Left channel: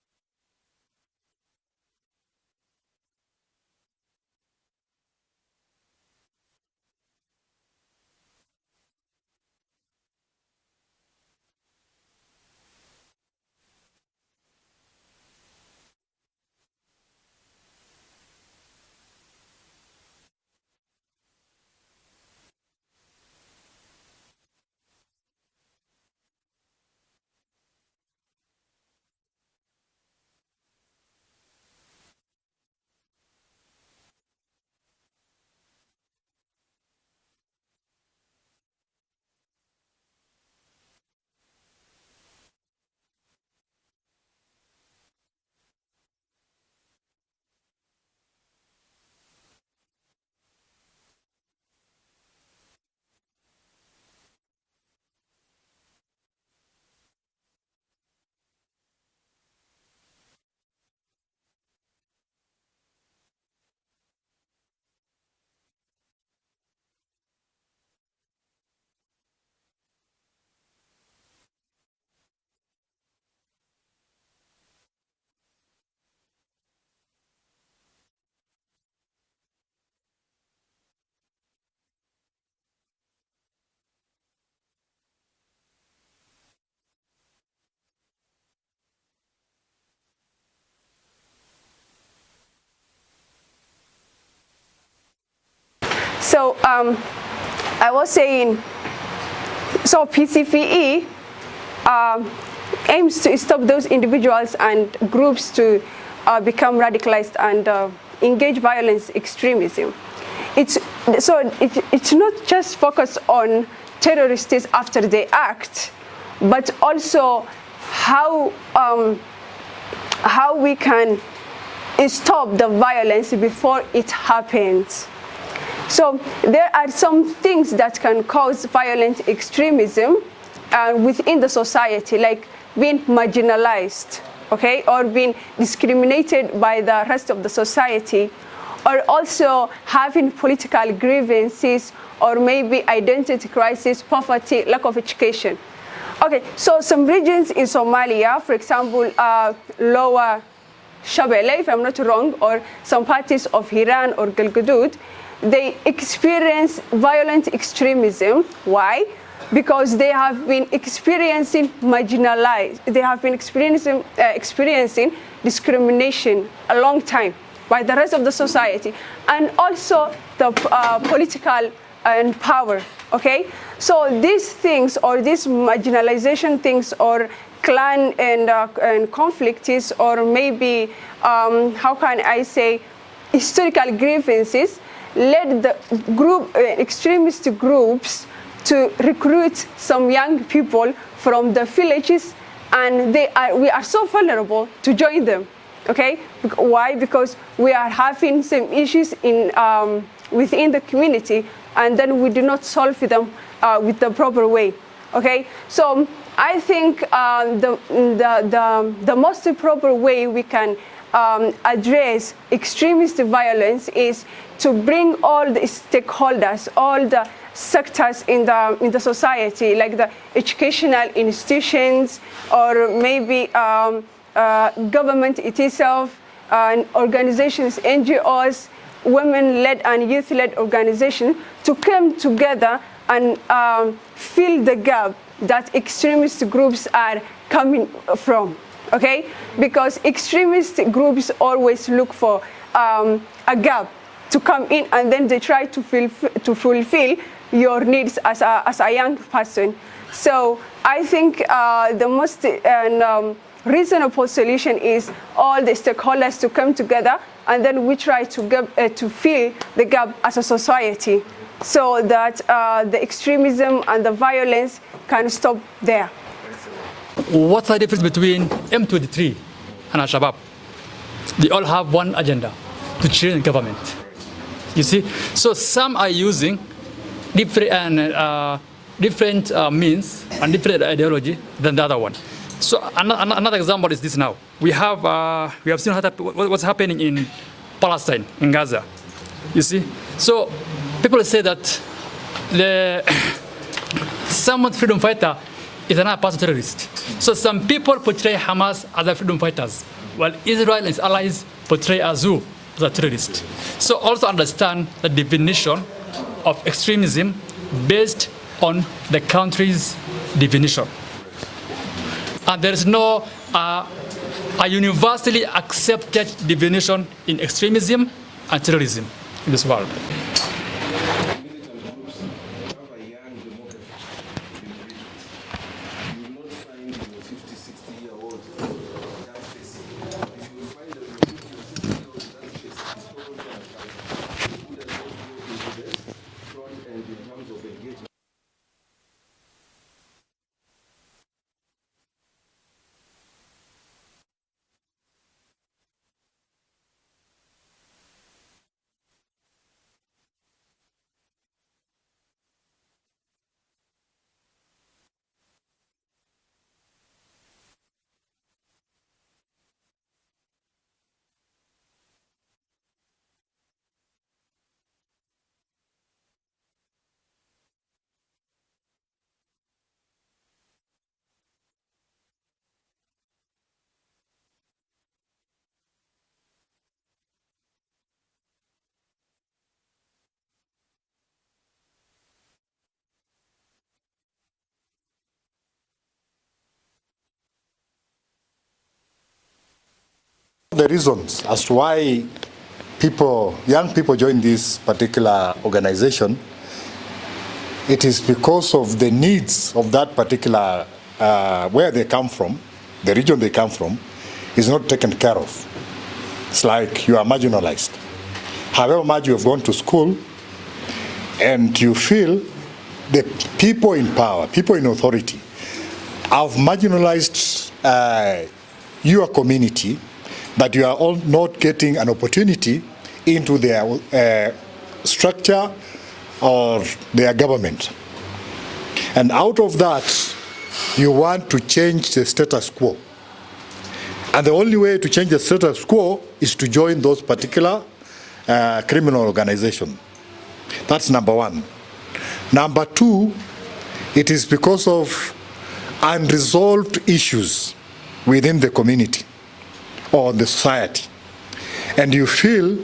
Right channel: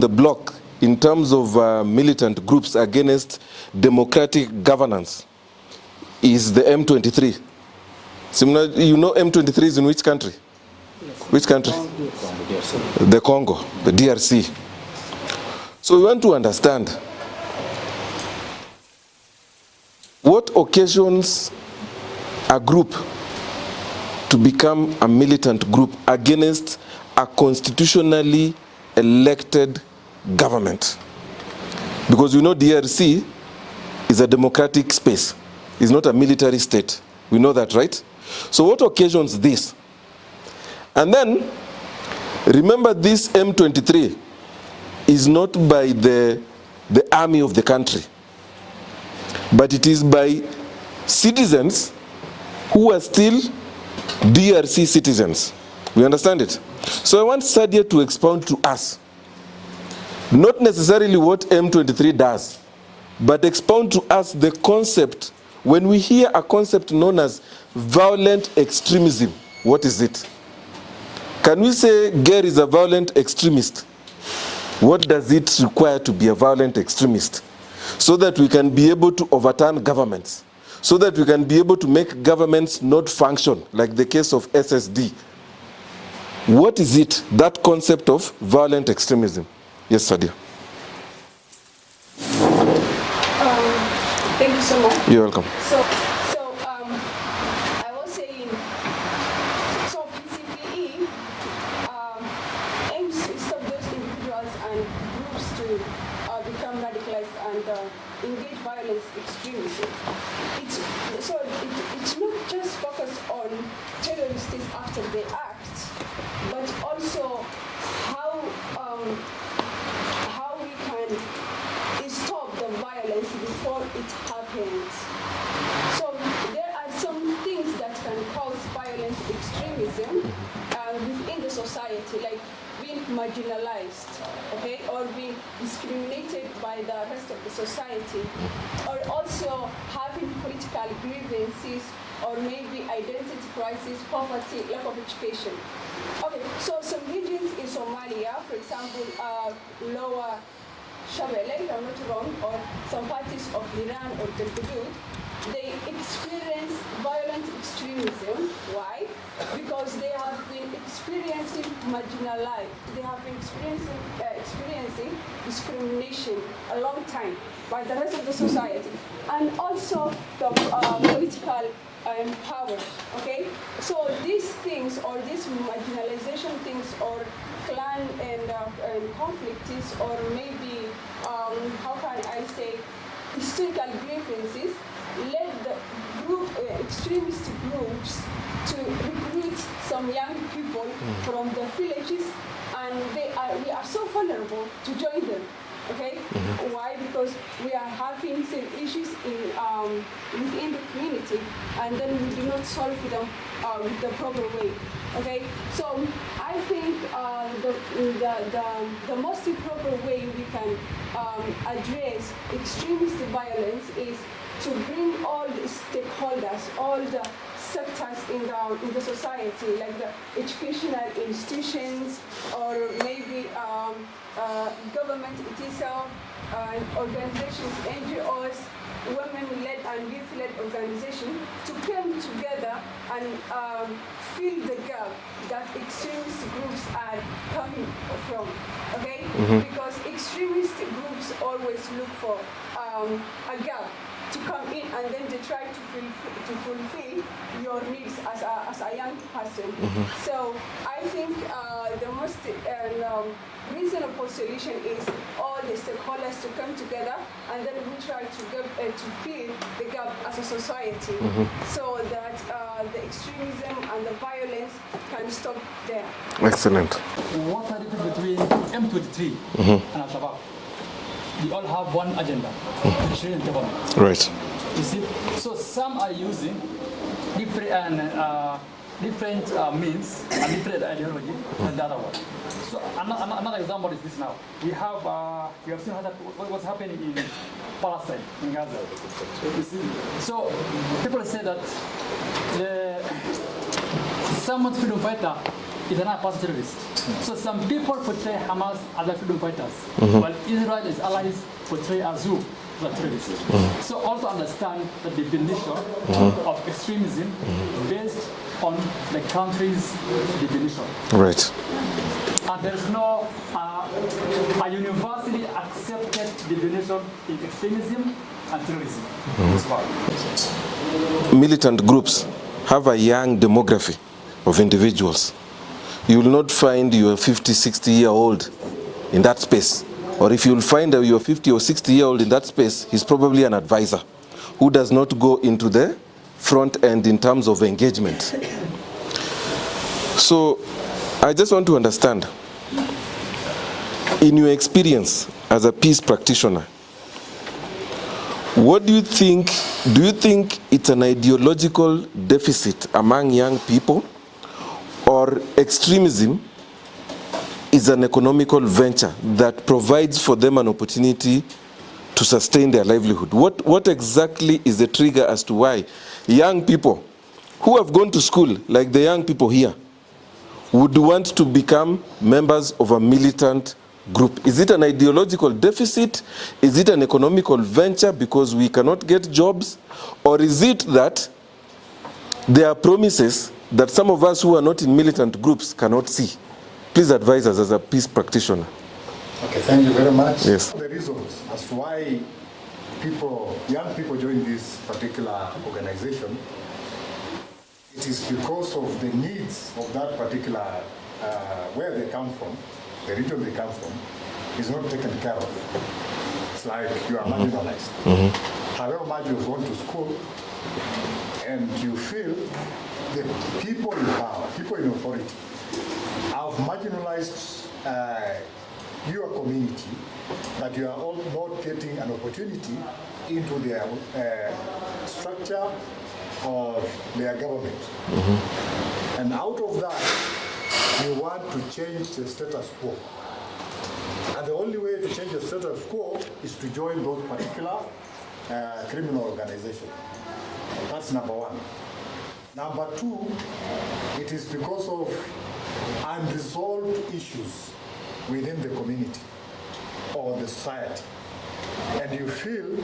the bloc in terms of militant groups against democratic governance is the M23. Similar, you know M23 is in which country? Which country? The Congo, the DRC. So we want to understand what occasions a group to become a militant group against a constitutionally elected government. Because you know DRC is a democratic space. It's not a military state. We know that, right? So what occasions this? And then, remember this M23 is not by the army of the country, but it is by citizens who are still DRC citizens. We understand it? So I want Sadia to expound to us, not necessarily what M23 does, but expound to us the concept. When we hear a concept known as violent extremism, what is it? Can we say Ger is a violent extremist? What does it require to be a violent extremist? So that we can be able to overturn governments, so that we can be able to make governments not function, like the case of SSD. What is it, that concept of violent extremism? Yes, Sadia. Thank you so much. You're welcome. So I was saying, so PCVE aims to stop those individuals and groups to become radicalized and engage violence extremism. It's not just focused on terrorists after they act, but also how we can stop the violence before it happens. So there are some things that can cause violent extremism within the society, like being marginalized, okay, or being discriminated by the rest of the society, or also having political grievances, or maybe identity crisis, poverty, lack of education. Okay, so some regions in Somalia, for example, Lower Shabelle, if I'm not wrong, or some parts of Hiran or Galgaduud, they experience violent extremism. Why? Because they have been experiencing they have been experiencing discrimination a long time by the rest of the society, and also the political and power, okay? So these things, or these marginalization things, or clan and conflicts, or maybe, how can I say, historical grievances, led the extremist groups to recruit some young people from the villages, and we are so vulnerable to join them, okay? Why? Because we are having some issues within the community, and then we do not solve them with the proper way, okay? So I think the most proper way we can address extremist violence is to bring all the stakeholders, all the sectors in the society, like the educational institutions, or maybe government itself, and organizations, NGOs, women-led and youth-led organizations, to come together and fill the gap that extremist groups are coming from, okay? Because extremist groups always look for a gap to come in, and then they try to fulfill your needs as a young person. So I think the most reasonable solution is all the stakeholders to come together, and then we try to fill the gap as a society, so that the extremism and the violence can stop there. Excellent. What's the difference between M23 and Al-Shabaab? They all have one agenda, to change the government. Right. You see? So some are using different means and different ideology than the other one. So another example is this now. We have seen what's happening in Palestine, in Gaza. You see? So people say that some freedom fighter is another person terrorist. So some people portray Hamas as a freedom fighters, while Israel and its allies portray as who? As a terrorist. So also understand the definition of extremism based on the country's definition. Right. And there is no a universally accepted definition in extremism and terrorism in this world. Militant groups have a young demography of individuals. You will not find your 50, 60-year-old in that space. Or if you'll find your 50 or 60-year-old in that space, he's probably an advisor who does not go into the front end in terms of engagement. So I just want to understand, in your experience as a peace practitioner, what do you think it's an ideological deficit among young people, or extremism is an economical venture that provides for them an opportunity to sustain their livelihood? What exactly is the trigger as to why young people who have gone to school, like the young people here, would want to become members of a militant group? Is it an ideological deficit? Is it an economical venture because we cannot get jobs? Or is it that there are promises that some of us who are not in militant groups cannot see? Please advise us as a peace practitioner. Okay, thank you very much. Yes. The reasons as to why young people join this particular organization, it is because of the needs of that particular, where they come from, the region they come from, is not taken care of. It's like you are marginalized. However much you have gone to school, and you feel the people in power, people in authority, have marginalized your community, that you are all not getting an opportunity into their structure or their government. And out of that, you want to change the status quo. And the only way to change the status quo is to join those particular criminal organizations. That's number one. Number two, it is because of unresolved issues within the community or the society. And you feel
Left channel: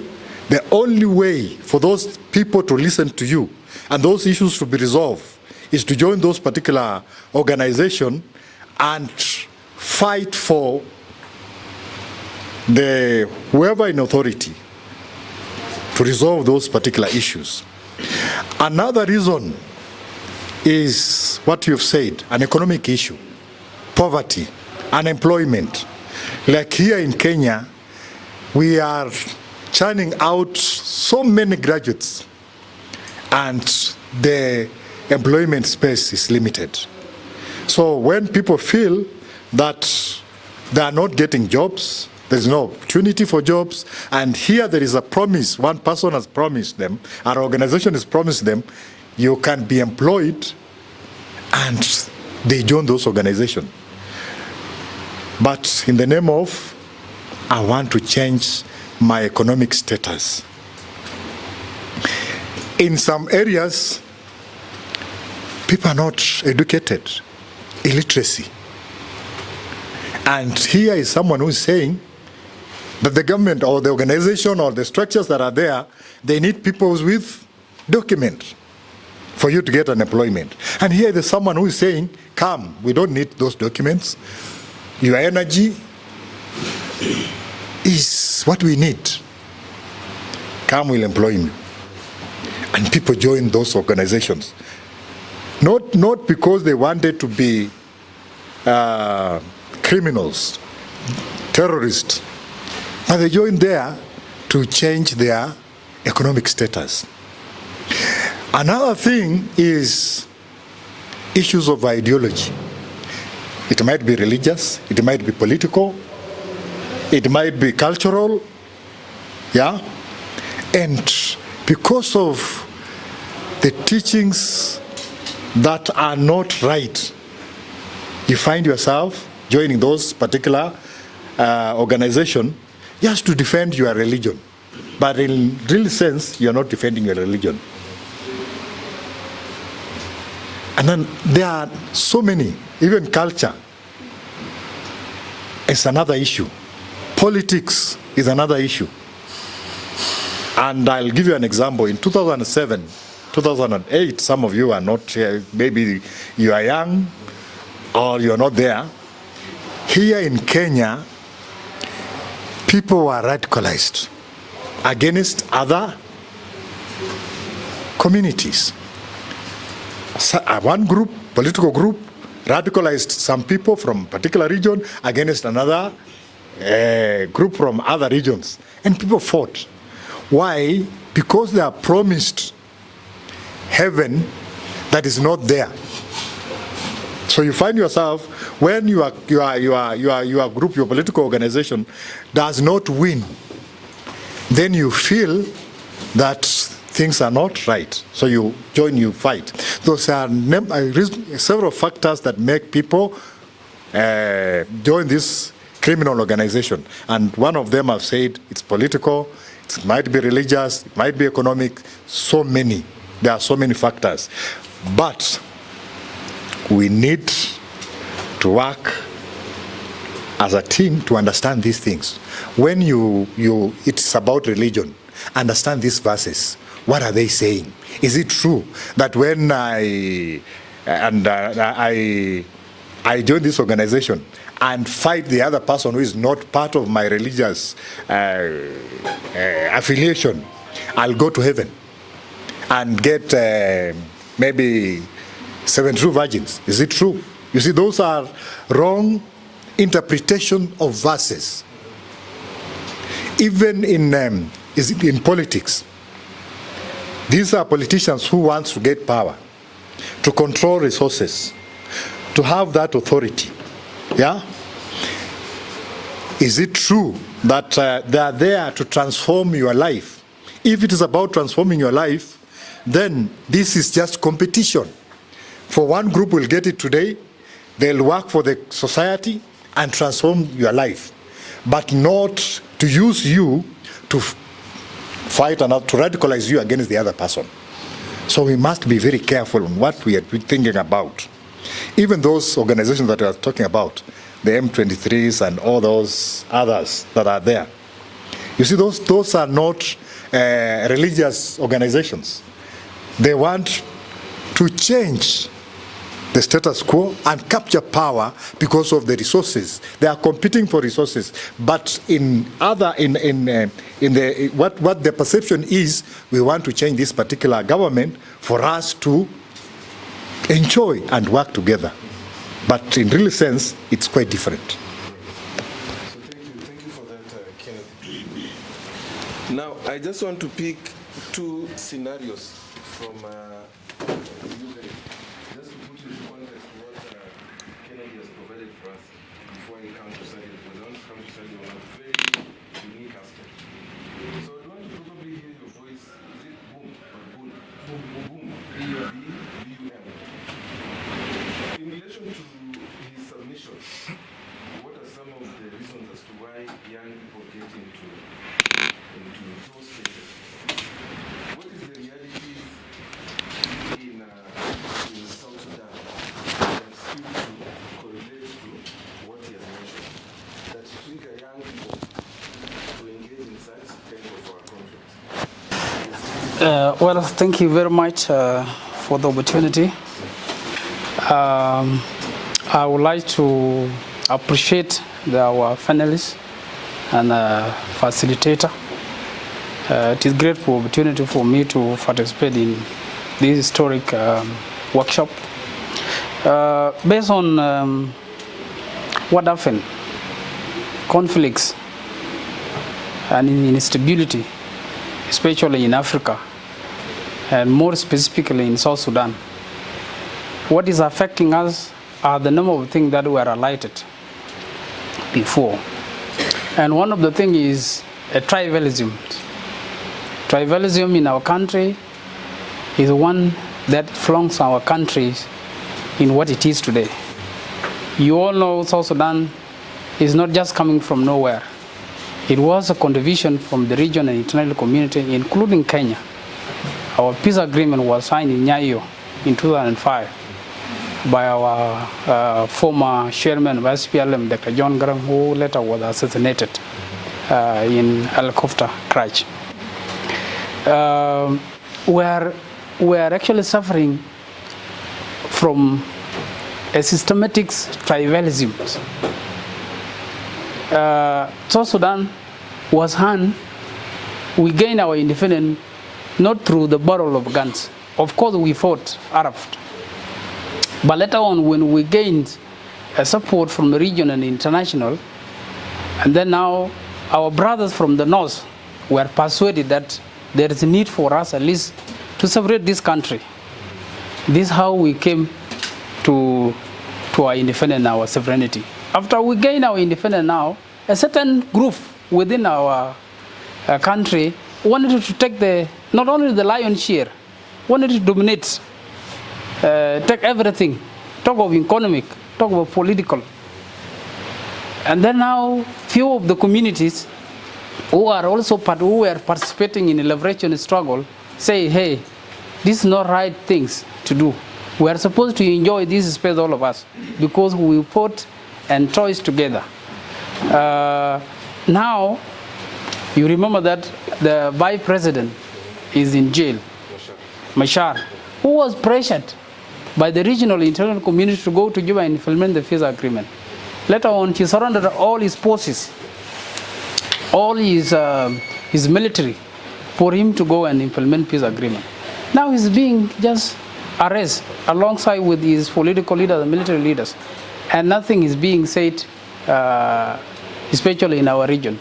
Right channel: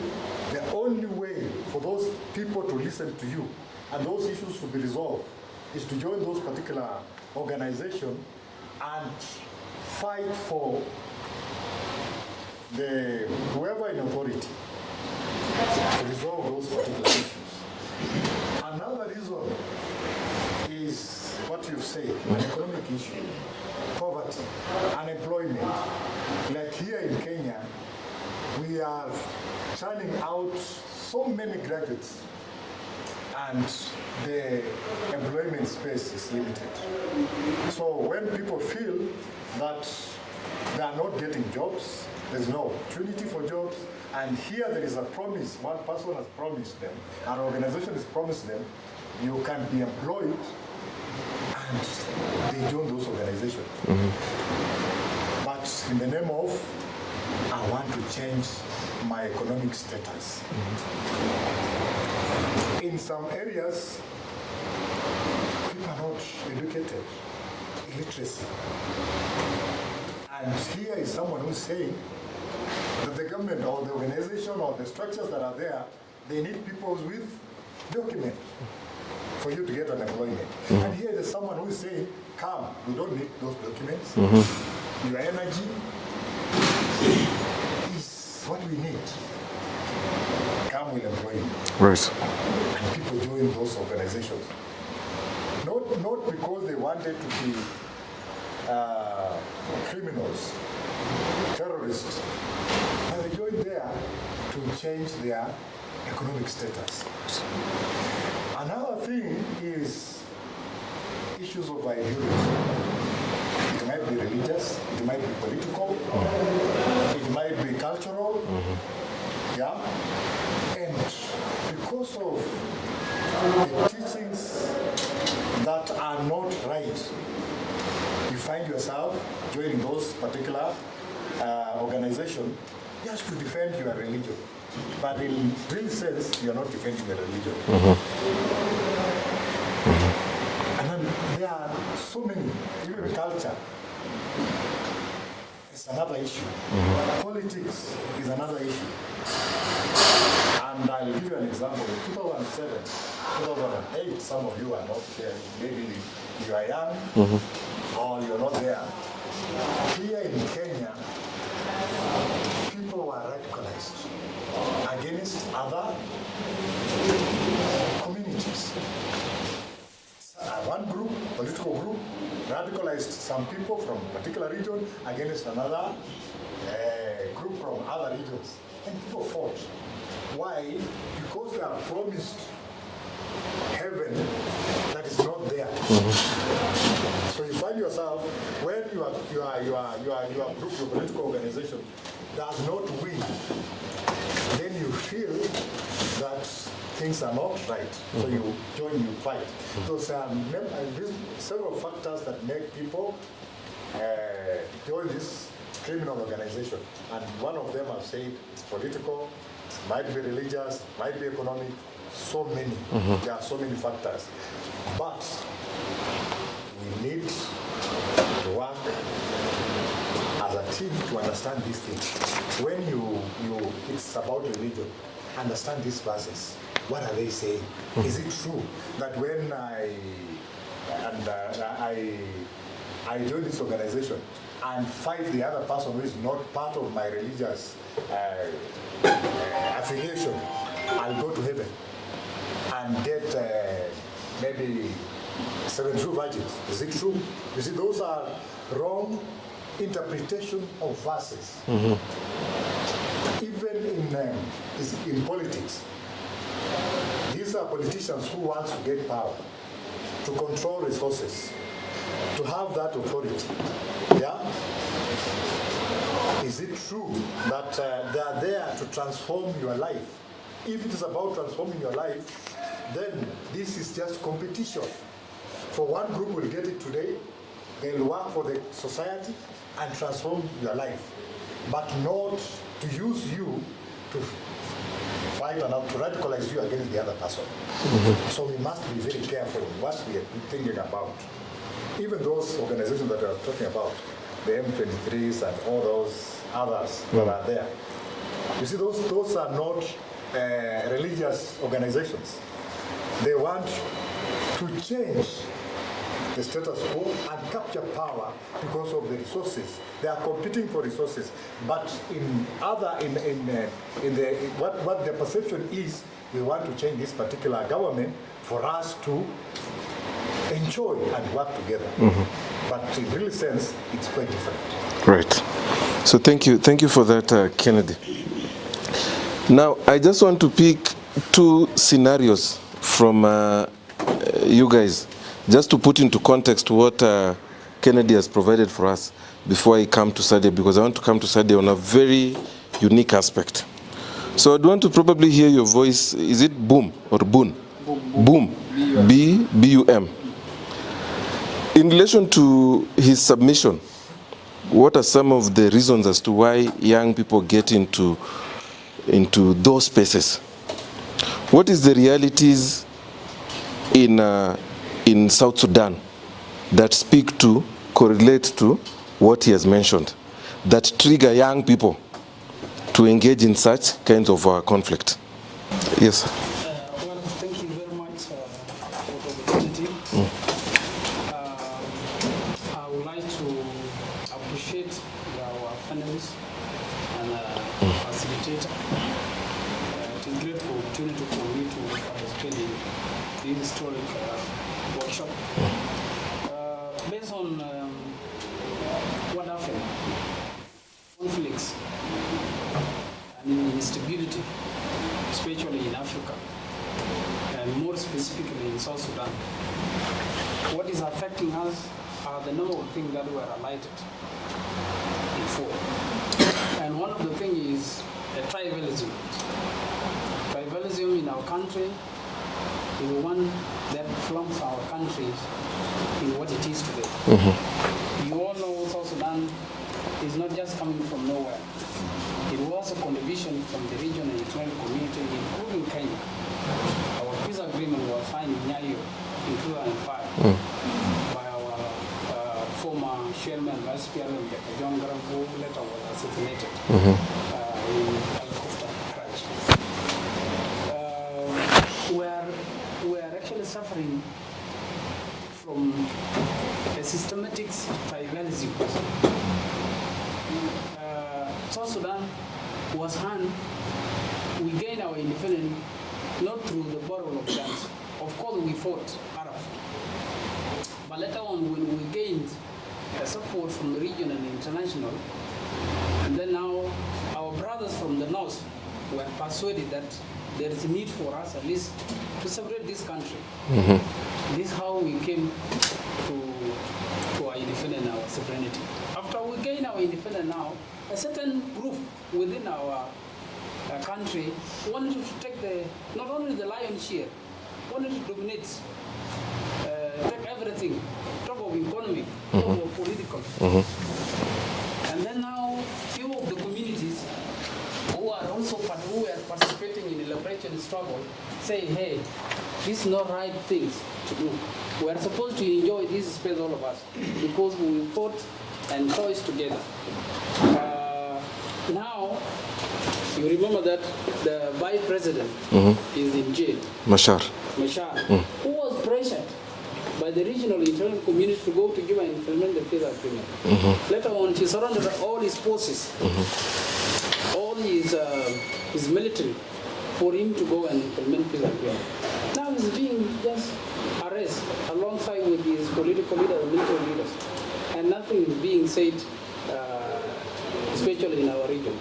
the only way for those people to listen to you and those issues to be resolved is to join those particular organizations and fight for whoever in authority to resolve those particular issues. Another reason is what you've said, an economic issue, poverty, unemployment. Like here in Kenya, we are churning out so many graduates, and the employment space is limited. So when people feel that they are not getting jobs, there's no opportunity for jobs, and here there is a promise, one person has promised them, our organization has promised them, you can be employed, and they join those organizations. But in the name of, I want to change my economic status. In some areas, people are not educated, illiteracy. And here is someone who is saying that the government or the organization or the structures that are there, they need people with documents for you to get an employment. And here there's someone who is saying, come, we don't need those documents. Your energy is what we need. Come, we'll employ me. Right. And people join those organizations. Not because they wanted to be criminals, terrorists, but they join there to change their economic status. Another thing is issues of ideology. It might be religious, it might be political, it might be cultural, yeah? And because of the teachings that are not right, you find yourself joining those particular organizations just to defend your religion. But in real sense, you're not defending your religion. And then there are so many, even culture is another issue. Politics is another issue. And I'll give you an example. In 2007, 2008, some of you are not here, maybe you are young or you're not there. Here in Kenya, people were radicalized against other communities. One group, political group, radicalized some people from a particular region against another group from other regions. And people fought. Why? Because they are promised heaven that is not there. So you find yourself, when your group, your political organization does not win, then you feel that things are not right. So you join, you fight. Those are several factors that make people join this criminal organization. And one of them I've said, it's political, it might be religious, it might be economic, so many. There are so many factors. But we need to work as a team to understand these things. When it's about religion, understand these verses. What are they saying? Is it true that when I join this organization and fight the other person who is not part of my religious affiliation, I'll go to heaven and get maybe 72 virgins? Is it true? You see, those are wrong interpretation of verses. Even in politics, these are politicians who want to get power, to control resources, to have that authority. Yeah? Is it true that they are there to transform your life? If it is about transforming your life, then this is just competition. For one group will get it today, they'll work for the society and transform your life, but not to use you to fight and to radicalize you against the other person. So we must be very careful on what we are thinking about. Even those organizations that we are talking about, the M23s and all those others that are there, you see, those are not religious organizations. They want to change the status quo and capture power because of the resources. They are competing for resources, but what the perception is, we want to change this particular government for us to enjoy and work together. But in real sense, it's quite different. Right. So thank you for that, Kennedy. Now, I just want to pick two scenarios from you guys, just to put into context what Kennedy has provided for us before I come to Sadia, because I want to come to Sadia on a very unique aspect. So I'd want to probably hear your voice. Is it boom or boon? Boom. B-U-M. In relation to his submission, what are some of the reasons as to why young people get into those spaces? What is the realities in South Sudan that speak to, correlate to what he has mentioned, that trigger young people to engage in such kinds of conflict? Yes. Well, thank you very much for the opportunity. I would like to appreciate our panelists and facilitator. It is a great opportunity for me to participate in this historic workshop. Based on what happened, conflicts and instability, especially in Africa, and more specifically in South Sudan, what is affecting us are the number of things that were highlighted before. And one of the things is tribalism. Tribalism in our country is one that flunks our country in what it is today. You all know South Sudan is not just coming from nowhere. It was a contribution from the region and international community, including Kenya. Our peace agreement was signed in Nyayo in 2005 by our former chairman of SPLM, Dr. John Graham, who later was assassinated in helicopter crash. We are actually suffering from a systematic tribalism. South Sudan was we gained our independence not through the barrel of guns. Of course, we fought Arab. But later on, when we gained support from the region and international, and then now our brothers from the north were persuaded that there is a need for us at least to separate this country. This is how we came to our independence, our sovereignty. After we gain our independence now, a certain group within our country wanted to take not only the lion's share, wanted to dominate, take everything, talk of economic, talk of political. And then now, few of the communities who are also who were participating in the liberation struggle say, hey, this is not right things to do. We are supposed to enjoy this space, all of us, because we fought and choice together. Now, you remember that the vice president is in jail. Machar, who was pressured by the regional international community to go to Juba and implement the peace agreement. Later on, he surrendered all his forces, all his military, for him to go and implement peace agreement. Now he's being just arrested alongside with his political leaders and military leaders, and nothing is being said, especially in our region.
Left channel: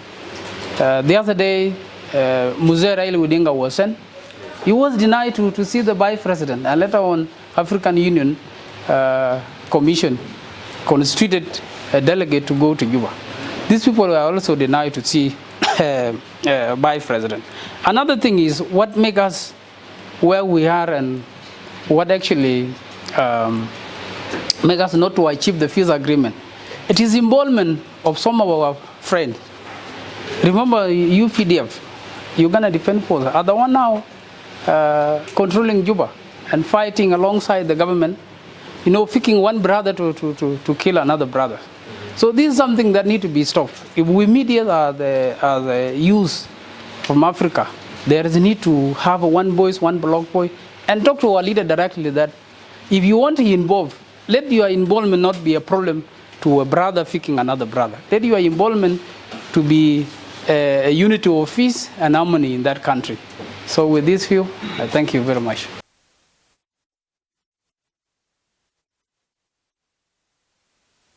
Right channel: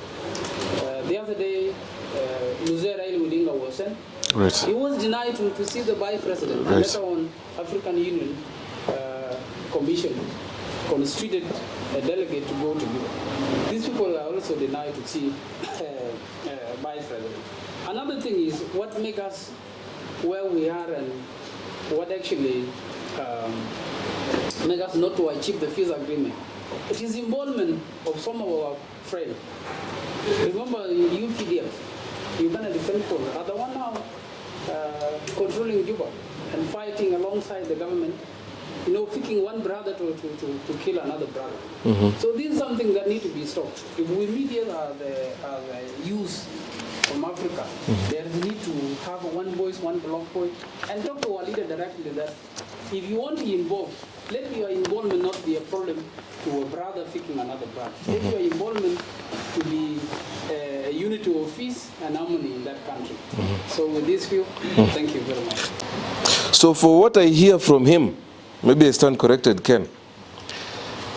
The other day, Mzee Raila Odinga was sent. Right. He was denied to see the vice president, and later on, African Union Commission constituted a delegate to go to Juba. These people were also denied to see vice president. Another thing is what makes us where we are and what actually makes us not to achieve the peace agreement. It is involvement of some of our friends. Remember UPDF, Uganda Defense Force, are the one now controlling Juba and fighting alongside the government, picking one brother to kill another brother. So this is something that needs to be stopped. If we meet here as the youth from Africa, there is a need to have one voice, one block voice, and talk to our leader directly that if you want to involve, let your involvement not be a problem to a brother picking another brother. Let your involvement to be a unity of peace and harmony in that country. So with this view, thank you very much. So for what I hear from him, maybe I stand corrected, Ken,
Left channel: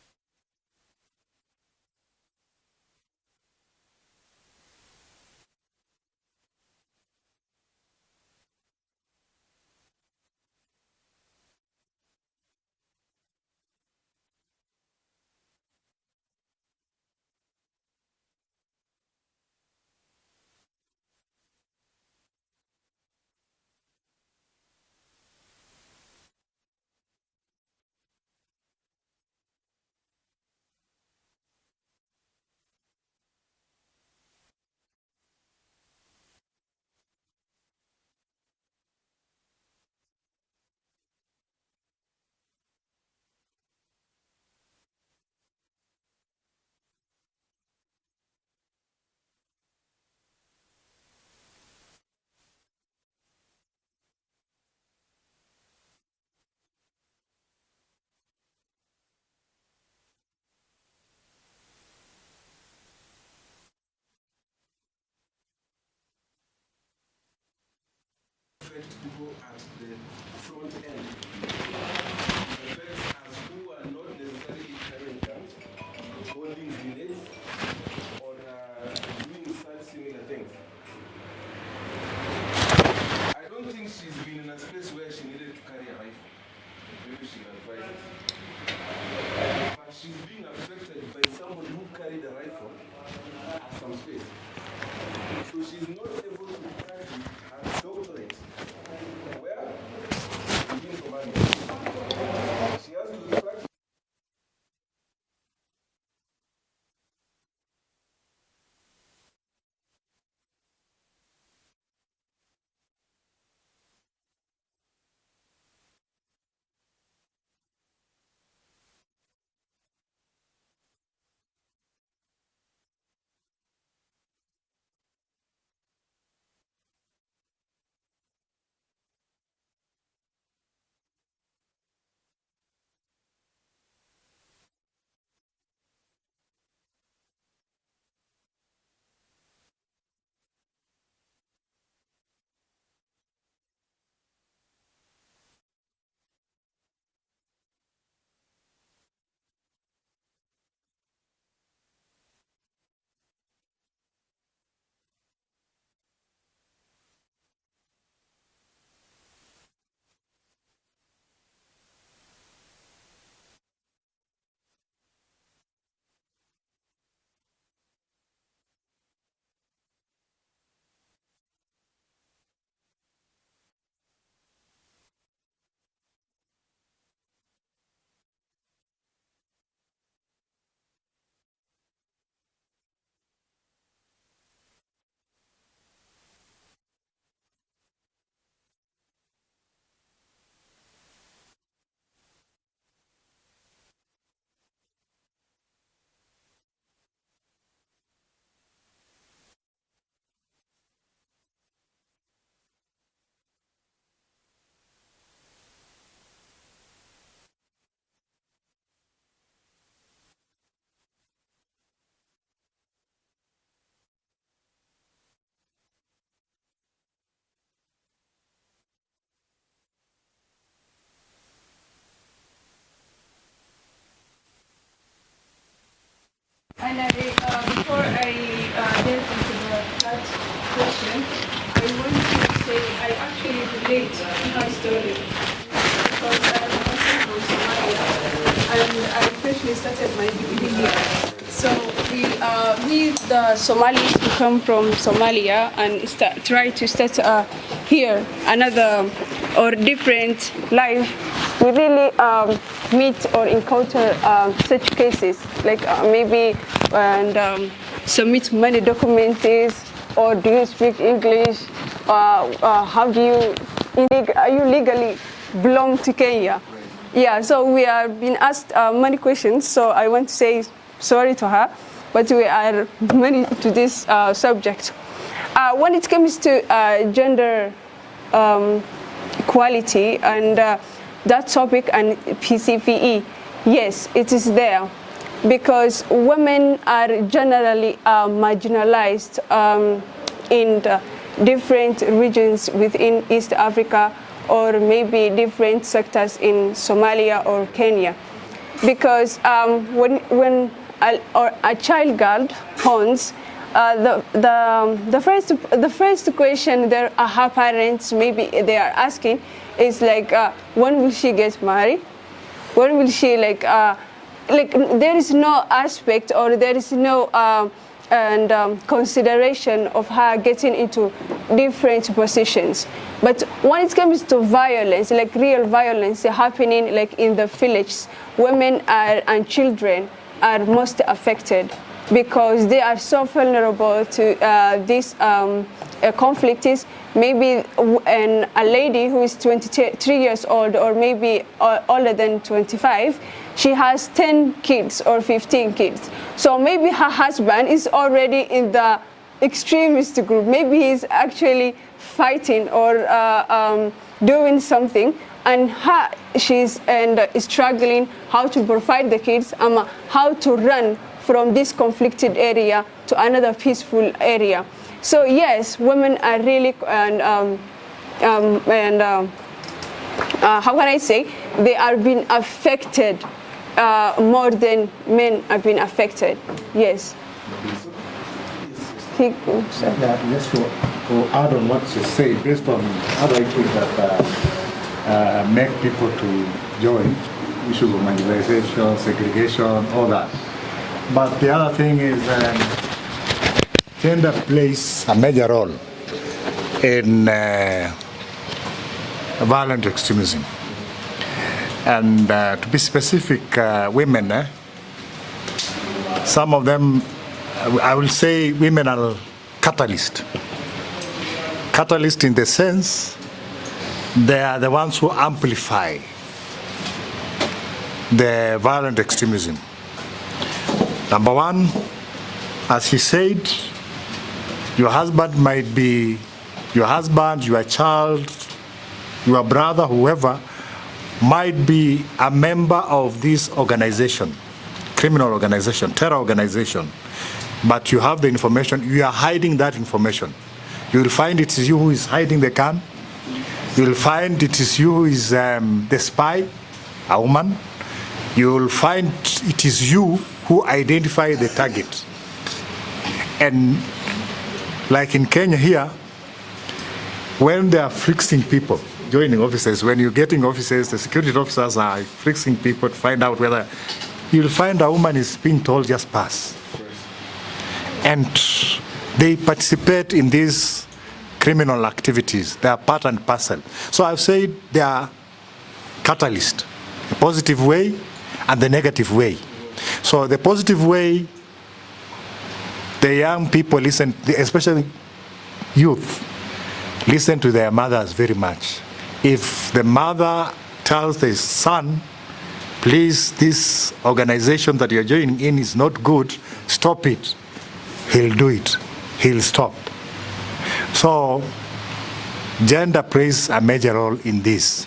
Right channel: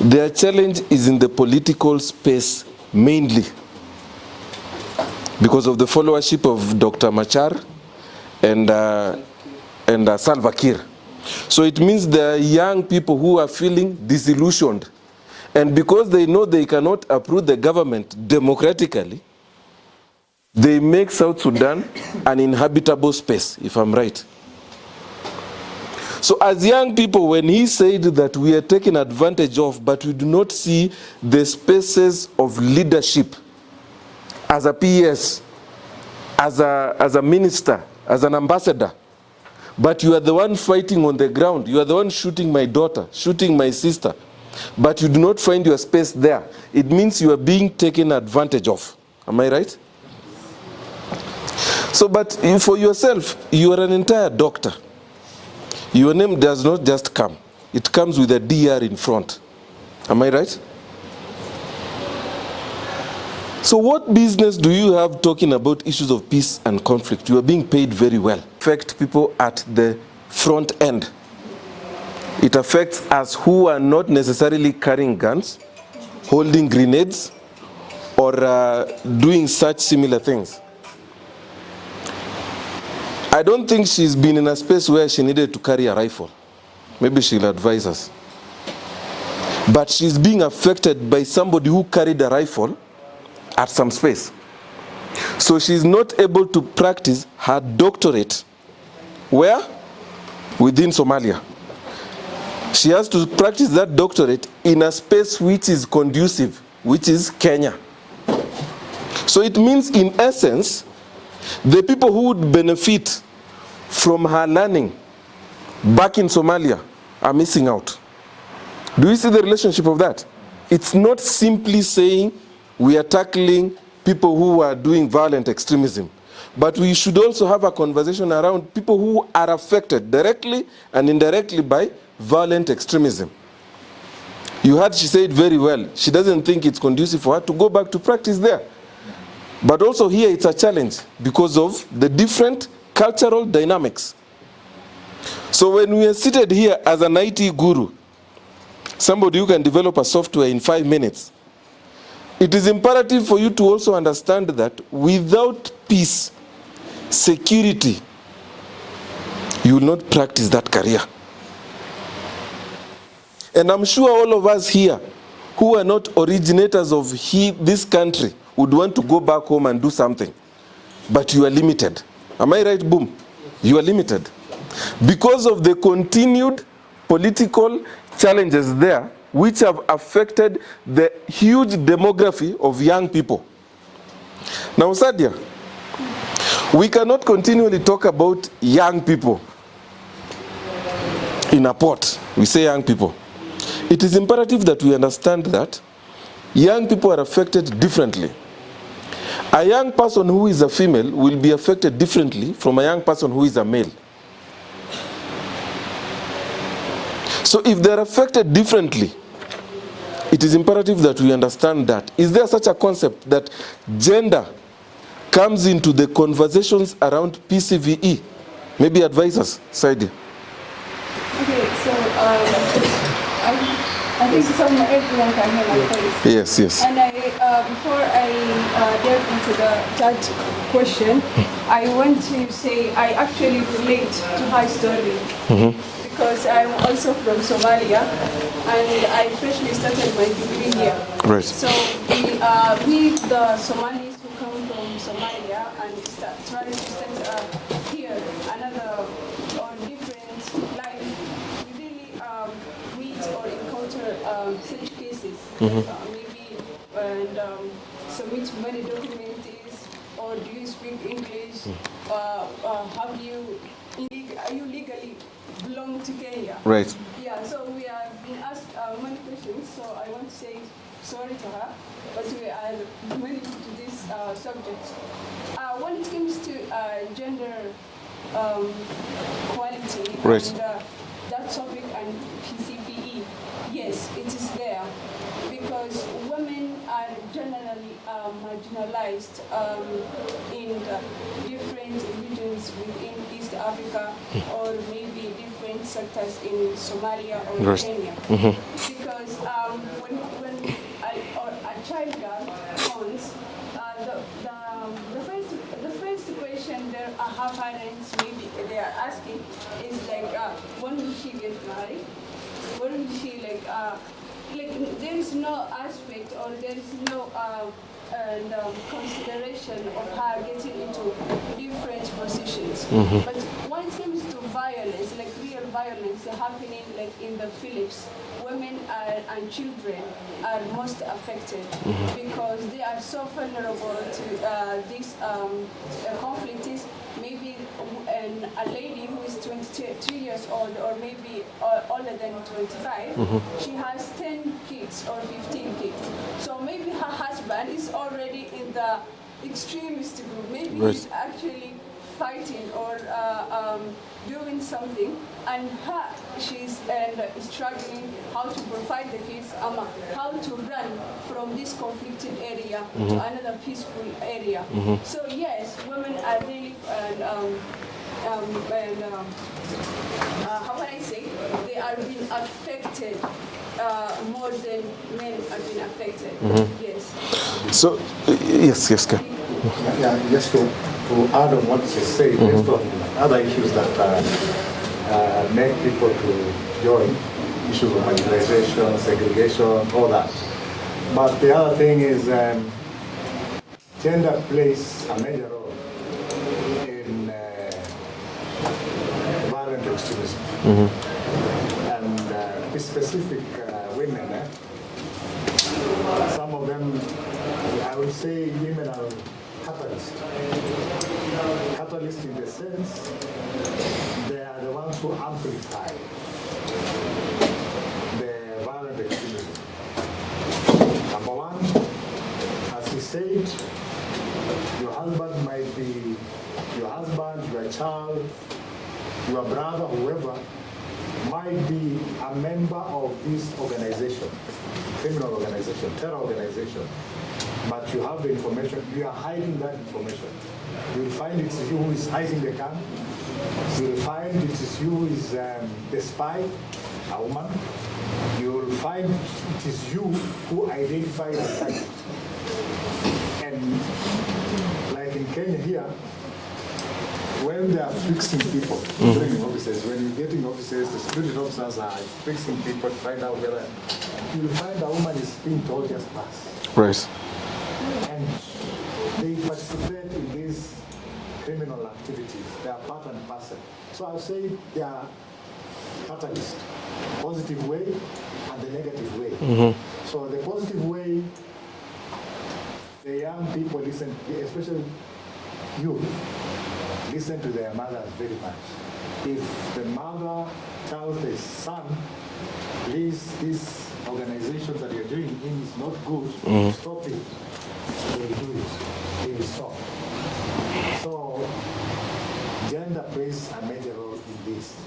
their challenge is in the political space mainly because of the followership of Dr. Machar and Salva Kiir. So it means there are young people who are feeling disillusioned. And because they know they cannot approve the government democratically, they make South Sudan an inhabitable space, if I'm right. So as young people, when he said that we are taken advantage of, but we do not see the spaces of leadership as a PS, as a minister, as an ambassador, but you are the one fighting on the ground, you are the one shooting my daughter, shooting my sister, but you do not find your space there, it means you are being taken advantage of. Am I right? So, but for yourself, you are an entire doctor. Your name does not just come. It comes with a DR in front. Am I right? So what business do you have talking about issues of peace and conflict? You are being paid very well. Affect people at the front end. It affects us who are not necessarily carrying guns, holding grenades, or doing such similar things. I don't think she's been in a space where she needed to carry a rifle. Maybe she'll advise us. But she's being affected by somebody who carried a rifle at some space. So she's not able to practice her doctorate. Where? Within Somalia. She has to practice that doctorate in a space which is conducive, which is Kenya. So it means, in essence, the people who would benefit from her learning back in Somalia are missing out. Do you see the relationship of that? It's not simply saying we are tackling people who are doing violent extremism, but we should also have a conversation around people who are affected directly and indirectly by violent extremism. You heard she said very well, she doesn't think it's conducive for her to go back to practice there. But also here it's a challenge because of the different cultural dynamics. So when we are seated here as an IT guru, somebody who can develop a software in 5 minutes, it is imperative for you to also understand that without peace, security, you will not practice that career. And I'm sure all of us here who are not originators of this country would want to go back home and do something. But you are limited. Am I right, Boom? You are limited. Because of the continued political challenges there, which have affected the huge demography of young people. Now, Sadia, we cannot continually talk about young people in a pot. We say young people. It is imperative that we understand that young people are affected differently. A young person who is a female will be affected differently from a young person who is a male. So if they're affected differently, it is imperative that we understand that. Is there such a concept that gender comes into the conversations around PCVE? Maybe advise us, Saidi. Okay, so I think everyone can hear my voice. Yes, yes. And before I delve into the third question, I want to say I actually relate to my story. Because I'm also from Somalia, and I freshly started my degree here. Right. So we, the Somalis who come from Somalia and try to start here another or different life, we really meet or encounter such cases, like maybe submit many documents, or do you speak English? How do you, are you legally belong to Kenya? Right. Yeah, so we have been asked many questions, so I want to say sorry to her, but we are many to this subject. When it comes to gender equality, right, and that topic and PCVE, yes, it is there, because women are generally marginalized in the different regions within East Africa, or maybe different sectors in Somalia or Kenya. Because when a child girl horns, the first question there her parents maybe they are asking is like, when will she get married? When will she like there is no aspect, or there is no consideration of her getting into different positions. But when it comes to violence, like real violence happening like in the villages, women and children are most affected, because they are so vulnerable to these conflicts. Maybe a lady who is 23 years old, or maybe older than 25, she has 10 kids or 15 kids. So maybe her husband is already in the extremist group. Maybe he's actually fighting or doing something, and she's struggling how to provide the kids, how to run from this conflicted area to another peaceful area. So yes, women are really how can I say, they are being affected more than men have been affected. Yes. So yes, Yeah, just to add on what she said, based on other issues that make people to join, issues of marginalization, segregation, all that. But the other thing is gender plays a major role in violent extremism. And to be specific, women, some of them, I will say women are catalyst. Catalyst in the sense they are the ones who amplify the violent extremism. Number one, as he said, your husband might be your husband, your child, your brother, whoever, might be a member of this organization, criminal organization, terror organization, but you have the information, you are hiding that information. You will find it is you who is hiding the gun. You will find it is you who is the spy, a woman. You will find it is you who identify the target. And like in Kenya here, when they are fixing people, joining officers, when you're getting officers, the security officers are fixing people to find out whether, you'll find a woman is being told just pass. Right. And they participate in these criminal activities. They are part and parcel. So I've said they are catalyst, the positive way and the negative way. So the positive way, the young people listen, especially youth, listen to their mothers very much. If the mother tells the son, please, this organization that you're joining in is not good, stop it, he'll do it, he'll stop. So gender plays a major role in this,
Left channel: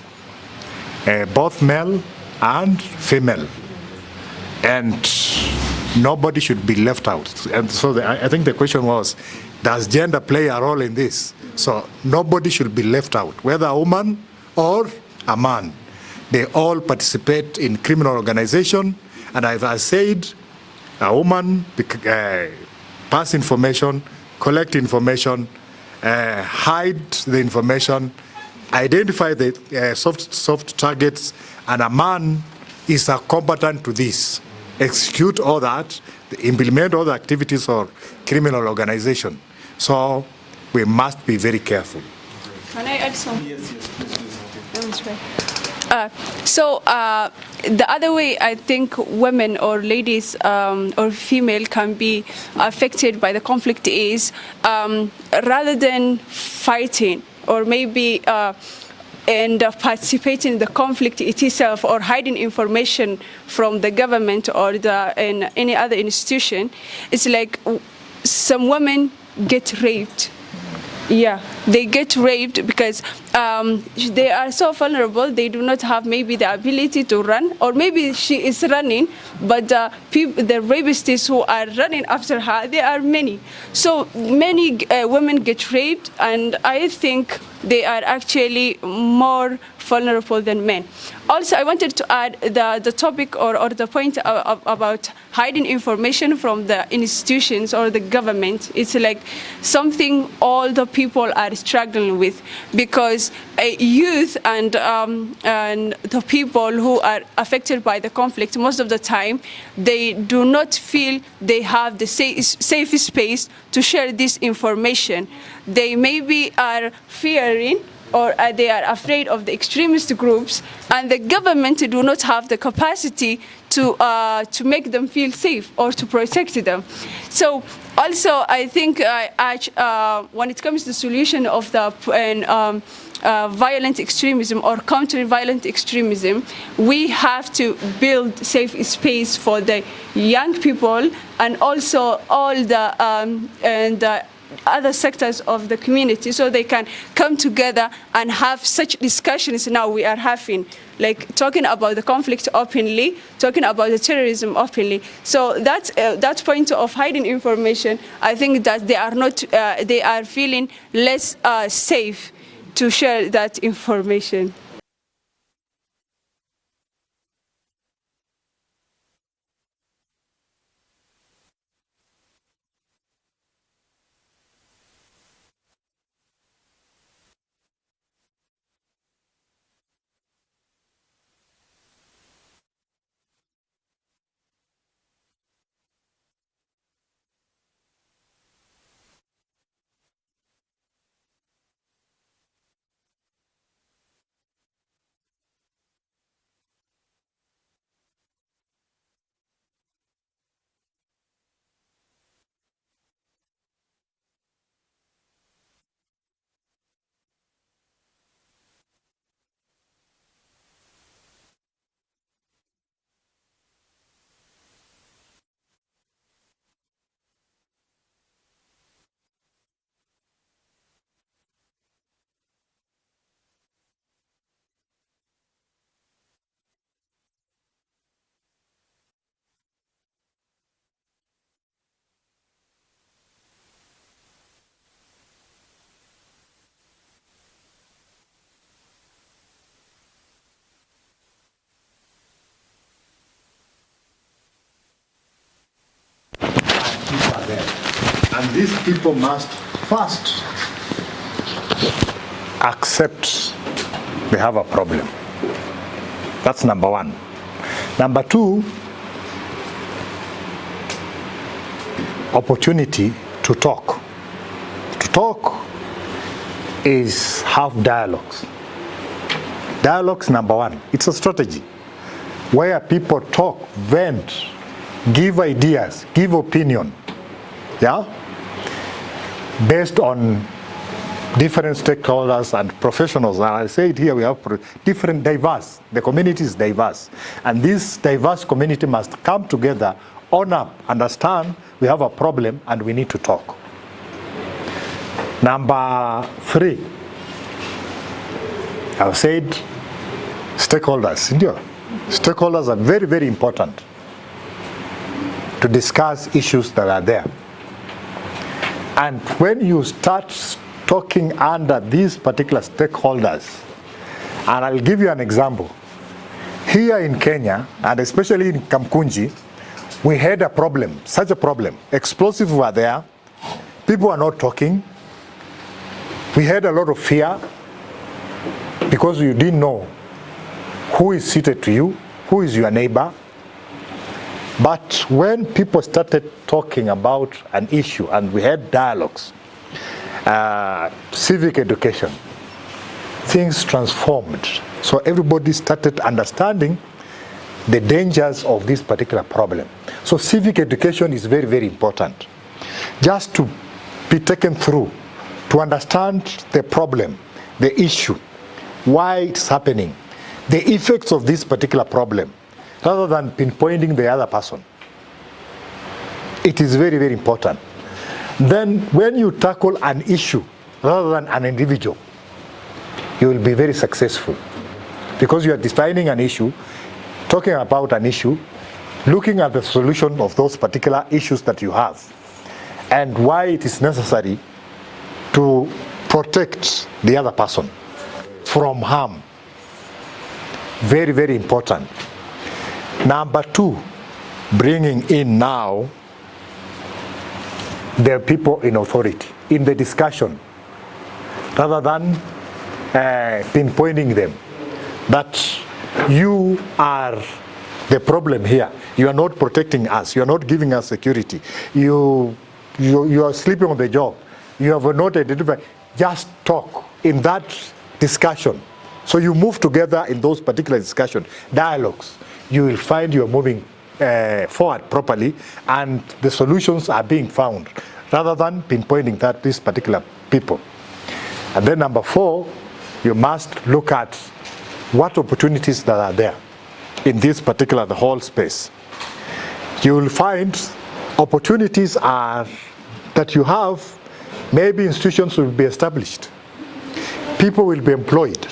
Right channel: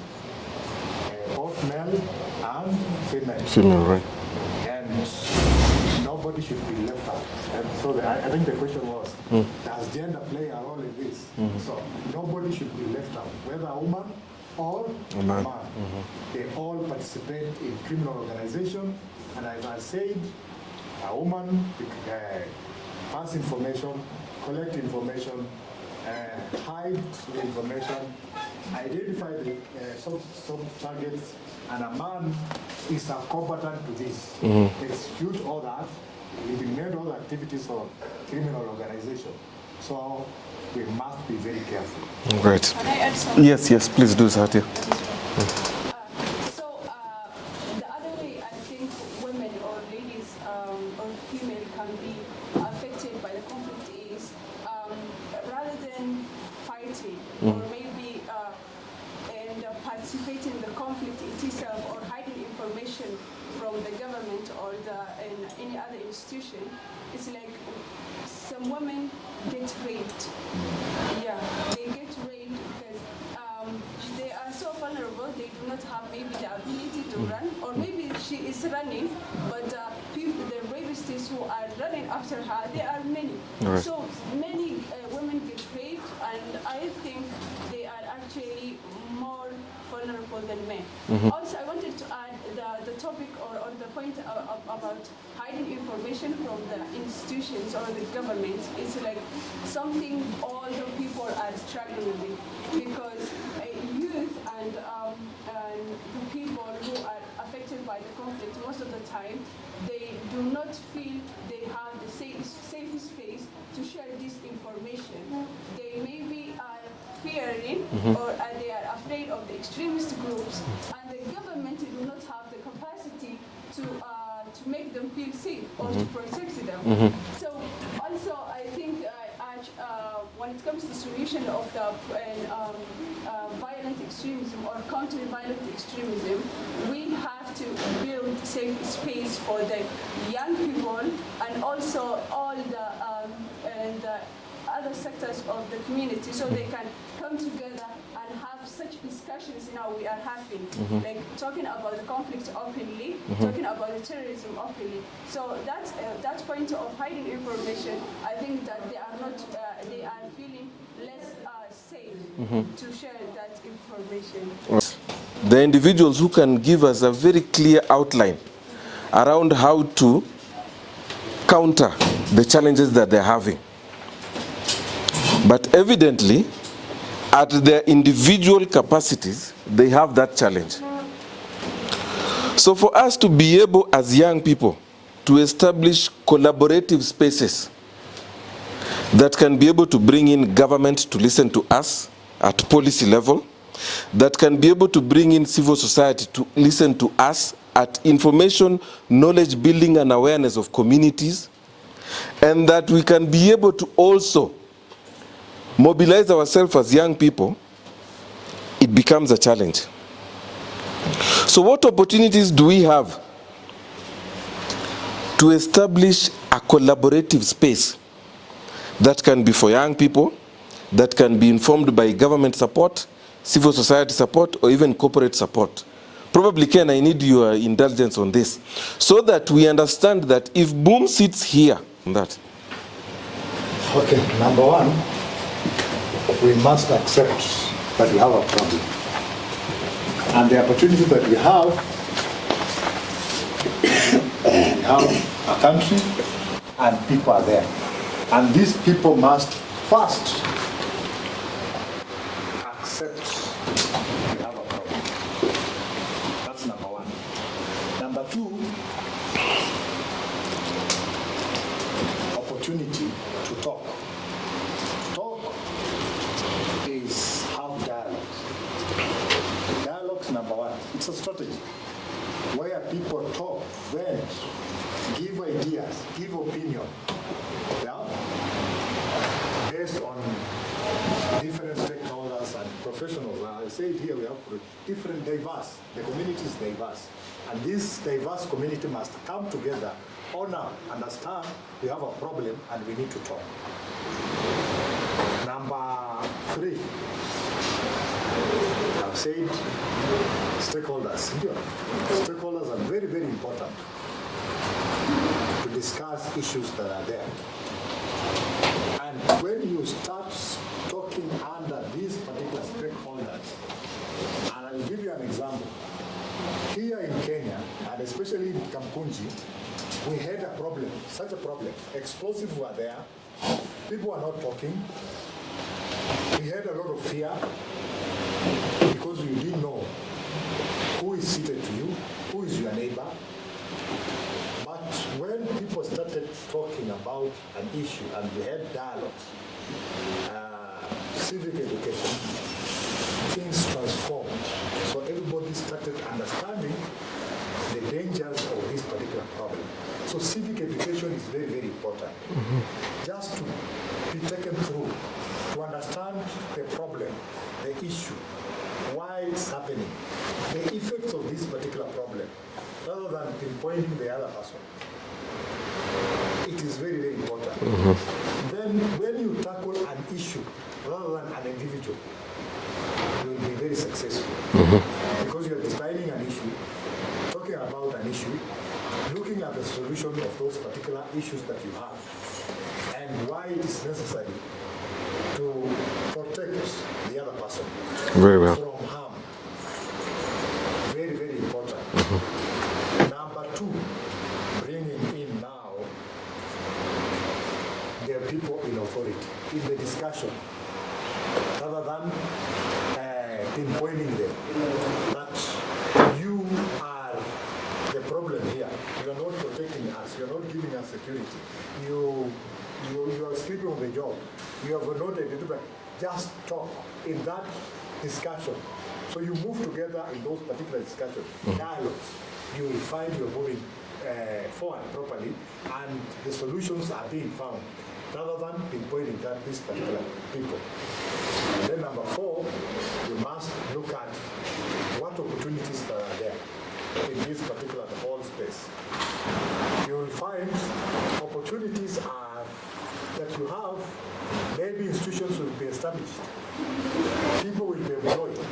both male and female. Right. And nobody should be left out. And so I think the question was, does gender play a role in this? So nobody should be left out, whether a woman or a man. They all participate in criminal organization. And as I said, a woman pass information, collect information, hide the information, identify the soft targets, and a man is a combatant to this. Execute all that, implement all the activities of criminal organization. So we must be very careful. Right. Can I add something? Yes, please do, Satya. The other way I think women or ladies or female can be affected by the conflict is rather than fighting or maybe and participating in the conflict itself or hiding information from the government or in any other institution, it's like some women get raped. Yeah, they get raped because they are so vulnerable. They do not have maybe the ability to run, or maybe she is running, but the rapists who are running after her, there are many. Right. So many women get raped, and I think they are actually more vulnerable than men. Also, I wanted to add the topic or the point about hiding information from the institutions or the government. It's like something all the people are struggling with, because youth and the people who are affected by the conflict, most of the time, they do not feel they have the safe space to share this information. They maybe are fearing or they are afraid of the extremist groups, and the government do not have the capacity to make them feel safe or to protect them. So also I think when it comes to the solution of the violent extremism or countering violent extremism, we have to build safe space for the young people and also all the other sectors of the community, so they can come together and have such discussions now we are having, like talking about the conflict openly, talking about the terrorism openly. So that point of hiding information, I think that they are not, they are feeling less safe to share that information. The individuals who can give us a very clear outline around how to counter the challenges that they're having. But evidently, at their individual capacities, they have that challenge. So for us to be able, as young people, to establish collaborative spaces that can be able to bring in government to listen to us at policy level, that can be able to bring in civil society to listen to us at information, knowledge building and awareness of communities, and that we can be able to also mobilize ourselves as young people, it it becomes a challenge. So what opportunities do we have to establish a collaborative space that can be for young people, that can be informed by government support, civil society support, or even corporate support? Probably, Ken, I need your indulgence on this, so that we understand that if Boom sits here on that. Okay, number one, we must accept that we have a problem. And the opportunity that we have a country and people are there. And these people must first accept they have a problem. That's number one. Number two, opportunity to talk. To talk is have dialogues. Dialogues, number one, it's a strategy where people talk, vent, give ideas, give opinion, yeah, based on different stakeholders and professionals. And I say it here, we have different diverse, the community is diverse. And this diverse community must come together, own up, understand we have a problem and we need to talk. Number three, I've said stakeholders. Stakeholders are very, very important to discuss issues that are there. And when you start talking under these particular stakeholders, and I'll give you an example. Here in Kenya, and especially in Kamkunji, we had a problem, such a problem. Explosives were there, people were not talking. We had a lot of fear because you didn't know who is seated to you, who is your neighbor. But when people started talking about an issue and we had dialogues, civic education, things transformed. So everybody started understanding the dangers of this particular problem. So civic education is very, very important. Just to be taken through, to understand the problem, the issue, why it's happening, the effects of this particular problem, rather than pinpointing the other person. It is very, very important. Then when you tackle an issue rather than an individual, you will be very successful. Because you are defining an issue, talking about an issue, looking at the solution of those particular issues that you have, and why it is necessary to protect the other person from harm. Very, very important. Number two, bringing in now the people in authority in the discussion, rather than pinpointing them that you are the problem here. You are not protecting us. You are not giving us security. You are sleeping on the job. You have not identified. Just talk in that discussion. So you move together in those particular discussion, dialogues. You will find you are moving forward properly and the solutions are being found rather than pinpointing that these particular people. And then number four, you must look at what opportunities that are there in this particular, the whole space. You will find opportunities are that you have, maybe institutions will be established. People will be employed.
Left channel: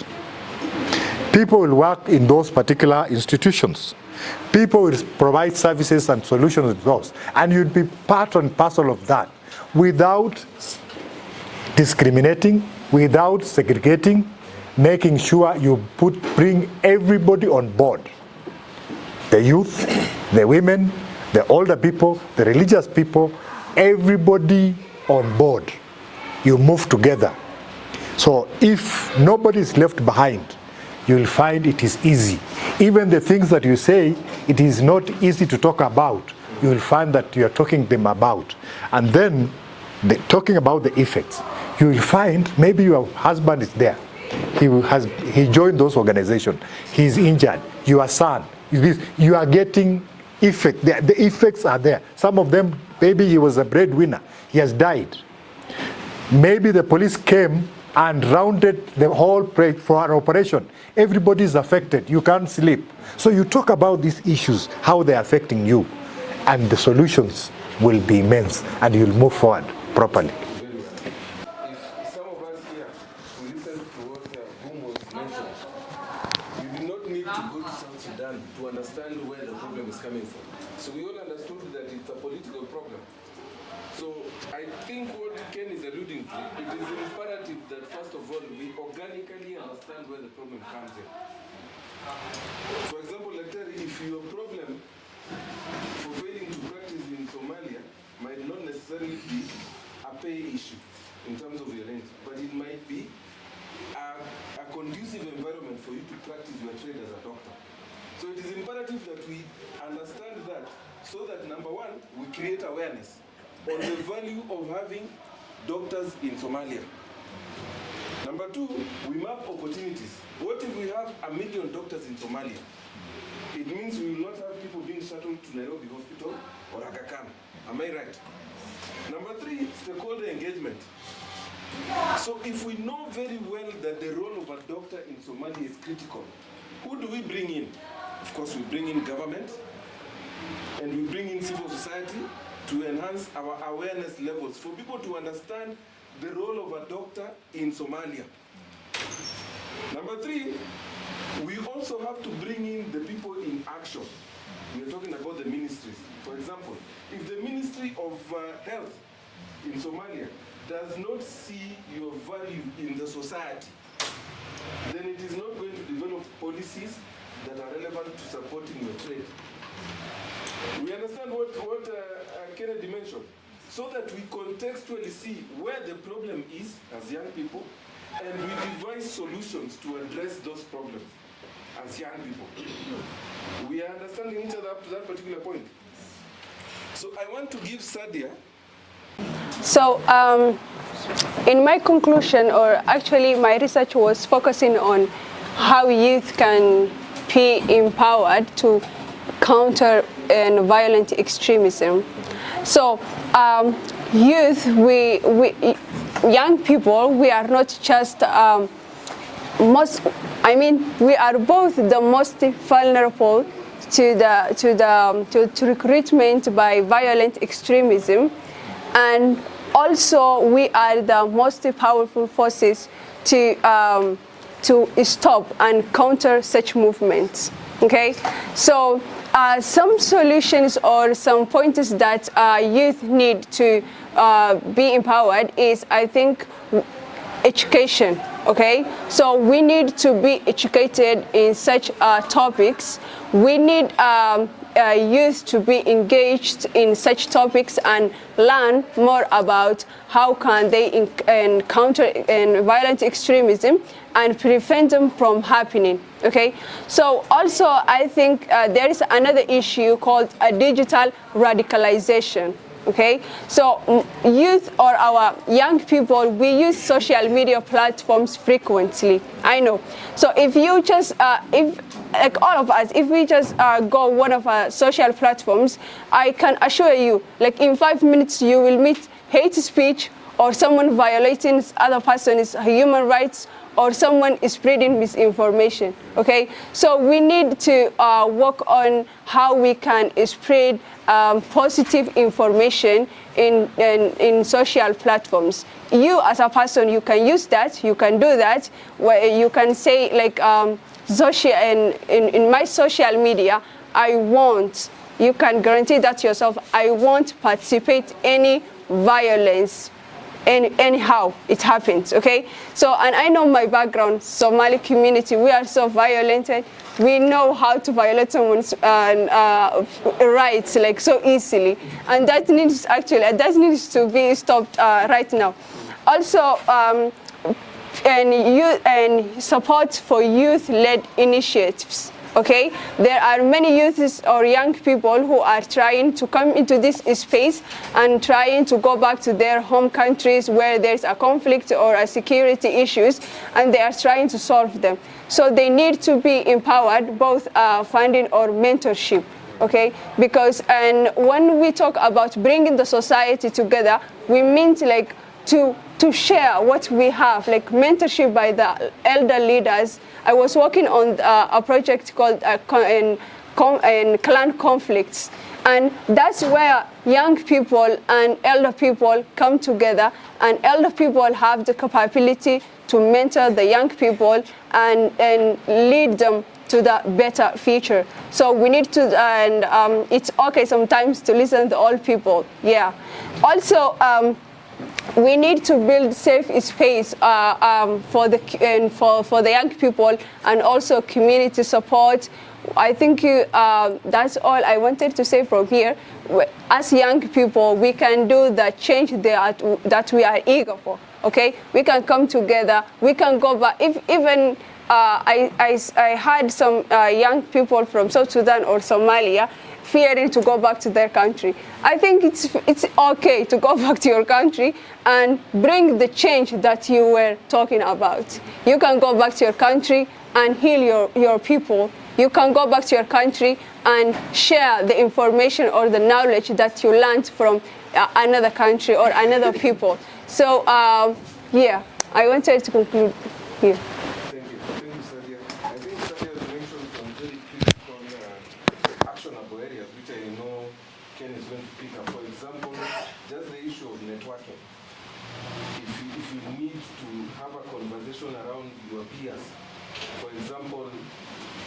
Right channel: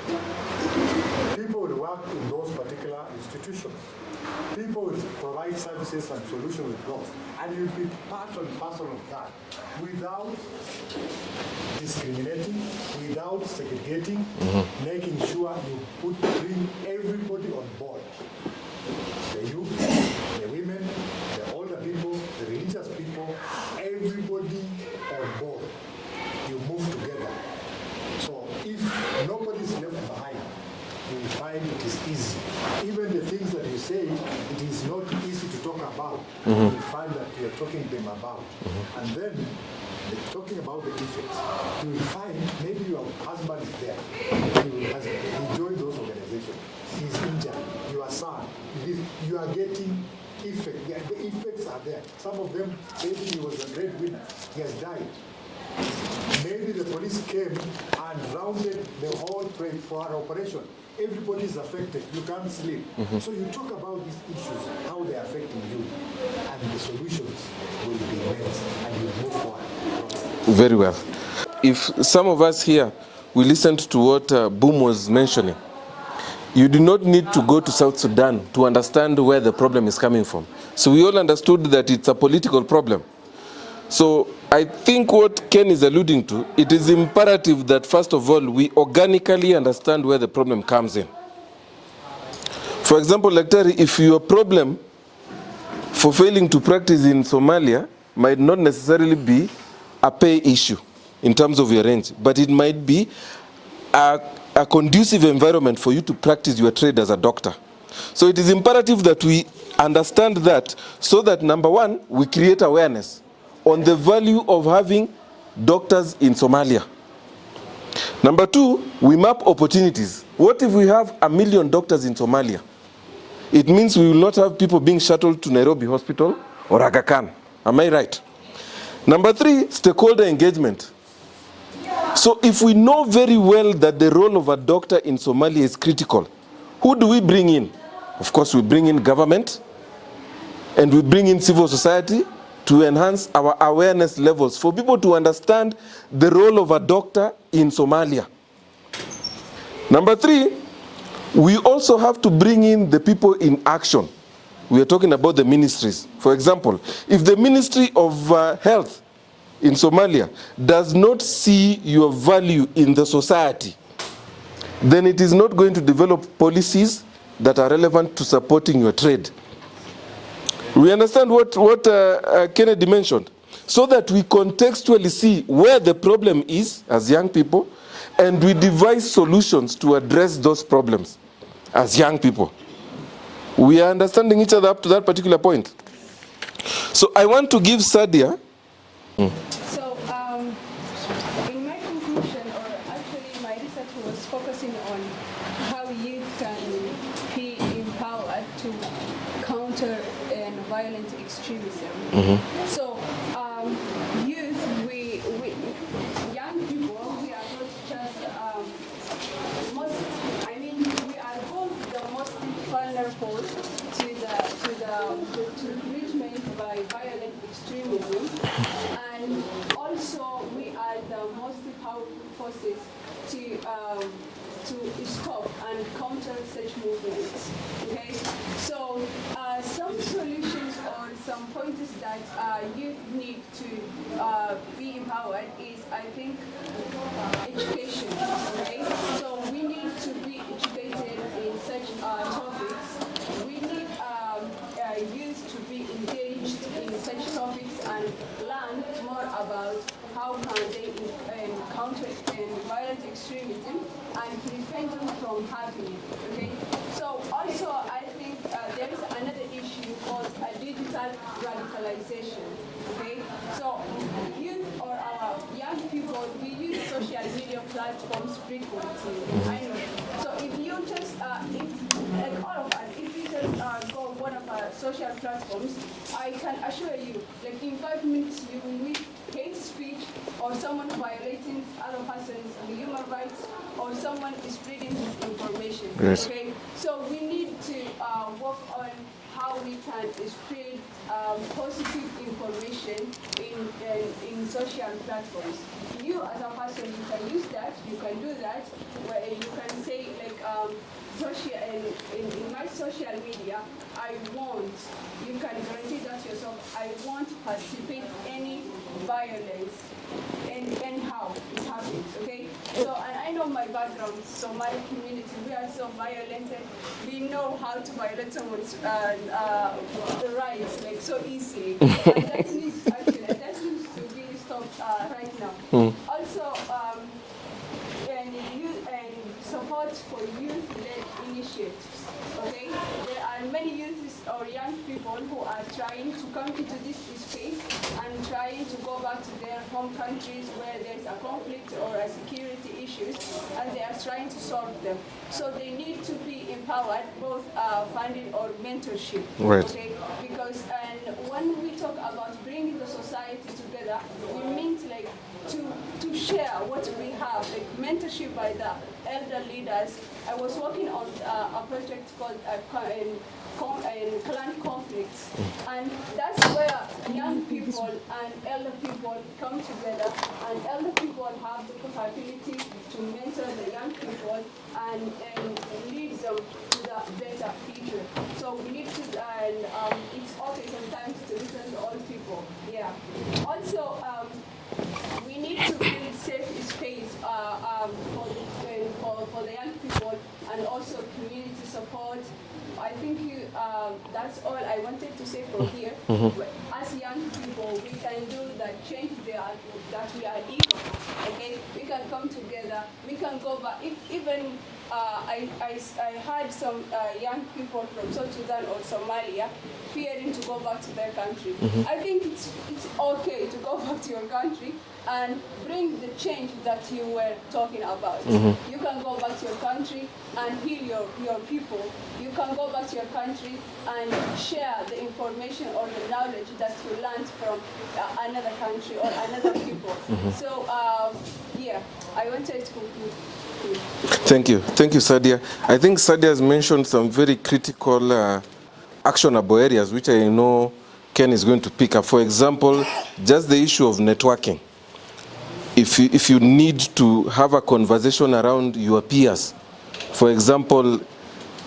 People will work in those particular institutions. People will provide services and solutions with those. And you'll be part and parcel of that without discriminating, without segregating, making sure you bring everybody on board. The youth, the women, the older people, the religious people, everybody on board. You move together. So if nobody is left behind, you'll find it is easy. Even the things that you say, it is not easy to talk about. You will find that you are talking them about. And then talking about the effects, you will find maybe your husband is there. He joined those organizations. He's injured. Your son, you are getting effect. The effects are there. Some of them, maybe he was a breadwinner. He has died. Maybe the police came and rounded the whole place for an operation. Everybody is affected. You can't sleep. So you talk about these issues, how they're affecting you, and the solutions will be immense, and you'll move forward properly. Very well. If some of us here, we listened to what Boom was mentioning, you do not need to go to South Sudan to understand where the problem is coming from. So we all understood that it's a political problem. So I think what Ken is alluding to, it is imperative that first of all, we organically understand where the problem comes in. For example, like Terry, if your problem for failing to practice in Somalia might not necessarily be a pay issue in terms of your range, but it might be a conducive environment for you to practice your trade as a doctor. So it is imperative that we understand that, so that number one, we create awareness on the value of having doctors in Somalia. Number two, we map opportunities. What if we have 1 million doctors in Somalia? It means we will not have people being shuttled to Nairobi Hospital or Aga Khan. Am I right? Number three, stakeholder engagement. So if we know very well that the role of a doctor in Somalia is critical, who do we bring in? Of course, we bring in government, and we bring in civil society to enhance our awareness levels for people to understand the role of a doctor in Somalia. Number three, we also have to bring in the people in action. We are talking about the ministries. For example, if the Ministry of Health in Somalia does not see your value in the society, then it is not going to develop policies that are relevant to supporting your trade. We understand what Kennedy mentioned, so that we contextually see where the problem is as young people, and we devise solutions to address those problems as young people. We are understanding each other up to that particular point. So I want to give Sadia. So in my conclusion, or actually my research was focusing on how youth can be empowered to counter violent extremism. So youth, young people, we are not just we are both the most vulnerable to recruitment by violent extremism, and also we are the most powerful forces to stop and counter such movements. Okay, so some solutions or some pointers that youth need to be empowered is, I think, education. Okay, so we need to be educated in such topics. We need youth to be engaged in such topics and learn more about how can they encounter violent extremism and prevent them from happening. Okay, so also I think there is another issue called digital radicalization. Okay, so youth or our young people, we use social media platforms frequently. I know. So if you just, like all of us, if we just go one of our social platforms, I can assure you, like in 5 minutes, you will meet hate speech, or someone violating other person's human rights, or someone is spreading misinformation. Yes. Okay, so we need to work on how we can spread positive information in social platforms. You as a person, you can use that, you can do that, where you can say like, in my social media, I won't, you can guarantee that yourself, I won't participate any violence. Anyhow it happens. Okay, so, and I know my background, Somali community, we are so violent. We know how to violate someone's rights like so easily, and that needs to be stopped right now. Also, and support for youth-led initiatives. Okay, there are many youths or young people who are trying to come into this space and trying to go back to their home countries where there's a conflict or a security issues, and they are trying to solve them. So they need to be empowered, both funding or mentorship. Right. Okay, because and when we talk about bringing the society together, we mean like to share what we have, like mentorship by the elder leaders. I was working on a project called clan conflicts, and that's where young people and elder people come together, and elder people have the capability to mentor the young people and lead them to the better future. So we need to, and it's okay sometimes to listen to all people, yeah. Also, we need to build safe space for the young people, and also community support. I think that's all I wanted to say from here. As young people, we can do the change that we are eager for, okay? We can come together, we can go back. If even I had some young people from South Sudan or Somalia fearing to go back to their country. I think it's okay to go back to your country and bring the change that you were talking about. You can go back to your country and heal your people. You can go back to your country and share the information or the knowledge that you learned from another country or another people. So, yeah, I wanted to conclude here. Thank you, Sadia. I think Sadia has mentioned some very critical actionable areas, which I know Ken is going to pick up. For example, just the issue of networking. If you need to have a conversation around your peers, for example,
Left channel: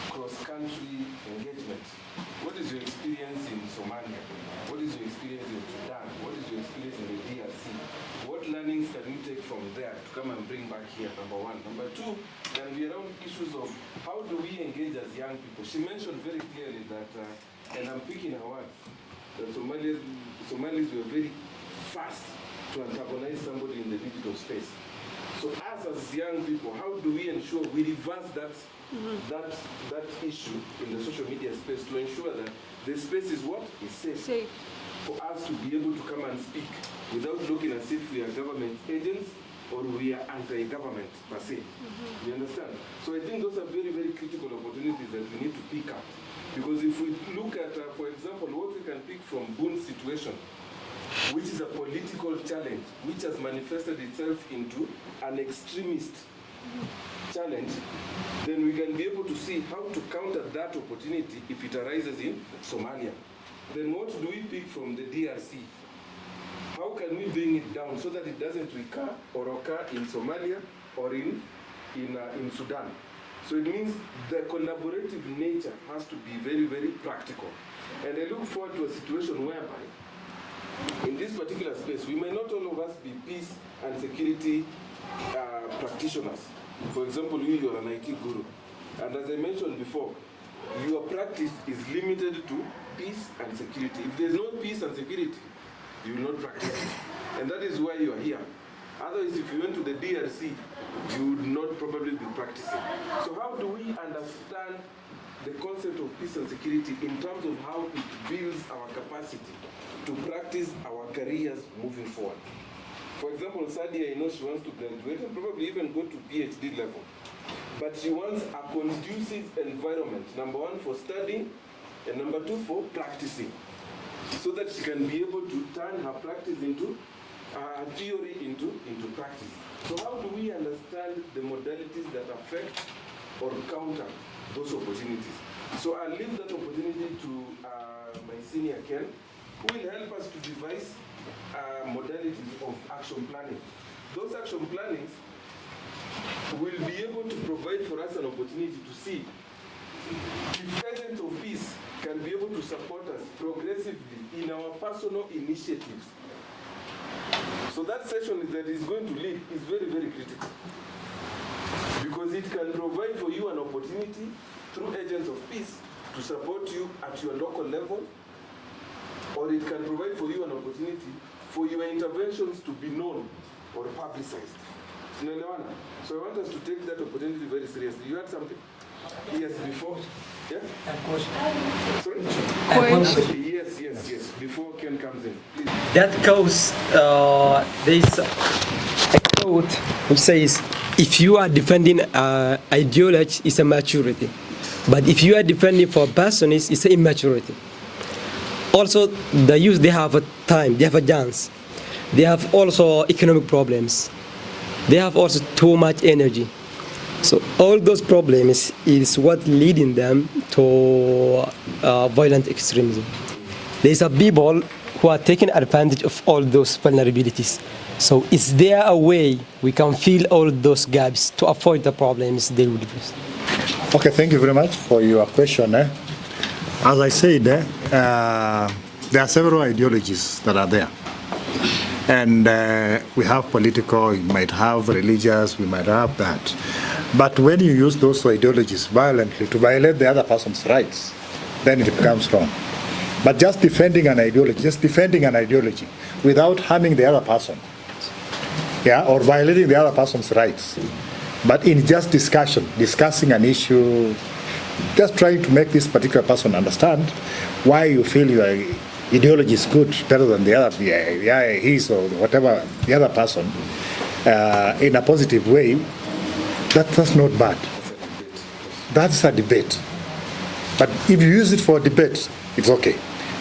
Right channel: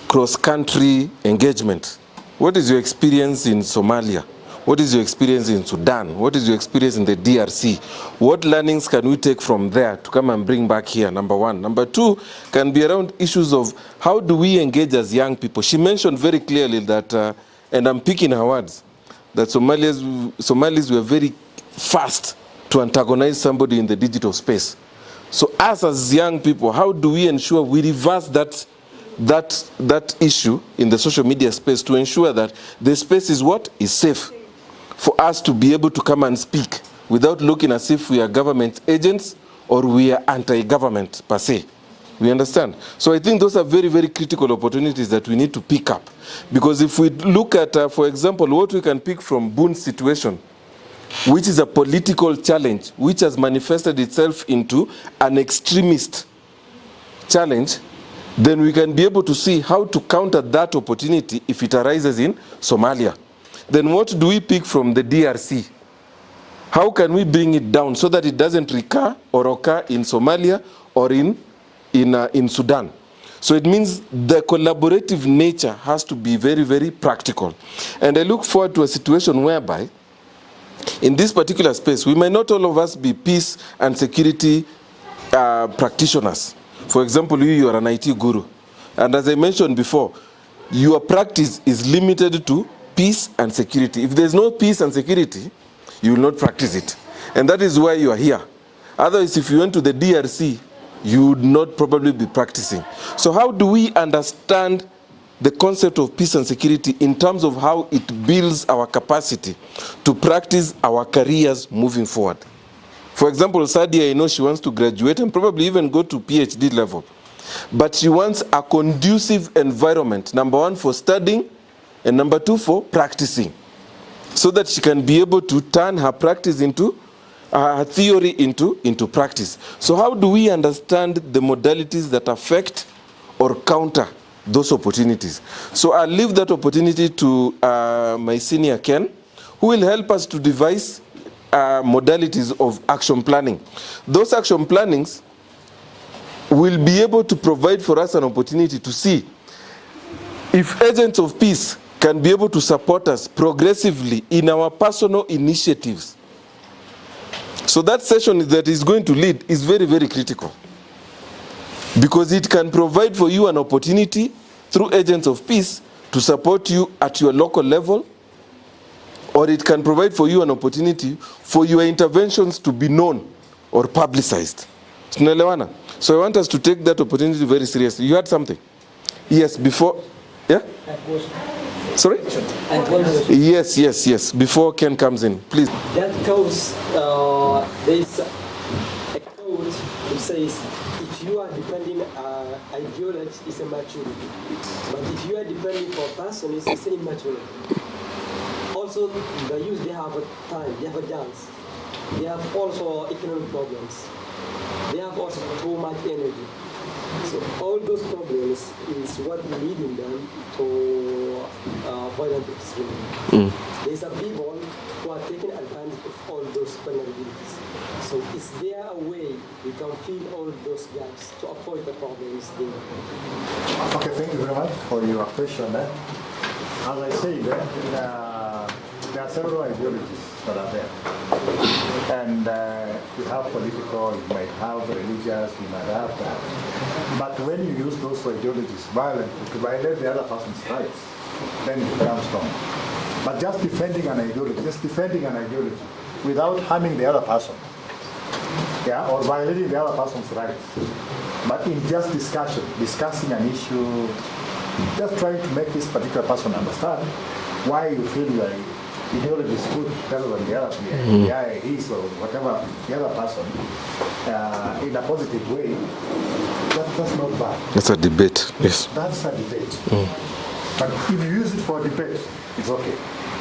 cross-country engagement. What is your experience in Somalia? What is your experience in Sudan? What is your experience in the DRC? What learnings can we take from there to come and bring back here, number one? Number two can be around issues of how do we engage as young people? She mentioned very clearly that, and I'm picking her words, that Somalis were very fast to antagonize somebody in the digital space. So us as young people, how do we ensure we reverse that issue in the social media space to ensure that the space is what? Is safe for us to be able to come and speak without looking as if we are government agents or we are anti-government per se. We understand? So I think those are very, very critical opportunities that we need to pick up. Because if we look at, for example, what we can pick from Boon's situation, which is a political challenge, which has manifested itself into an extremist challenge, then we can be able to see how to counter that opportunity if it arises in Somalia. Then what do we pick from the DRC? How can we bring it down so that it doesn't recur or occur in Somalia or in Sudan? So it means the collaborative nature has to be very, very practical. And I look forward to a situation whereby in this particular space, we might not all of us be peace and security practitioners. For example, you are an IT guru. And as I mentioned before, your practice is limited to peace and security. If there's no peace and security, you will not practice it. And that is why you are here. Otherwise, if you went to the DRC, you would not probably be practicing. So how do we understand the concept of peace and security in terms of how it builds our capacity to practice our careers moving forward? For example, Sadia, I know she wants to graduate and probably even go to PhD level. But she wants a conducive environment, number one, for studying, and number two, for practicing, so that she can be able to turn her practice into, her theory into practice. So how do we understand the modalities that affect or counter those opportunities? So I'll leave that opportunity to my senior Ken, who will help us to devise modalities of action planning. Those action plannings will be able to provide for us an opportunity to see if agents of peace can be able to support us progressively in our personal initiatives. So that session that is going to lead is very, very critical, because it can provide for you an opportunity through agents of peace to support you at your local level, or it can provide for you an opportunity for your interventions to be known or publicized. So I want us to take that opportunity very seriously. You had something? Yes, before, yeah? Sorry? Yes, before Ken comes in, please. That goes, there is a quote which says, if you are defending ideology, it's a maturity. But if you are defending for a person, it's immaturity. Also, the youth, they have a time, they have a chance. They have also economic problems. They have also too much energy. So all those problems is what leading them to violent extremism. There's a people who are taking advantage of all those vulnerabilities. So is there a way we can fill all those gaps to avoid the problems they will face? Okay, thank you very much for your question. As I said, there are several ideologies that are there. And we have political, we might have religious, we might have that. But when you use those ideologies violently to violate the other person's rights, then it becomes wrong. But just defending an ideology without harming the other person, yeah, or violating the other person's rights, but in just discussing an issue, just trying to make this particular person understand why you feel your ideology is good, better than the other, his or whatever, the other person, in a positive way, that's not bad. That's a debate, yes. That's a debate. But if you use it for debate, it's okay.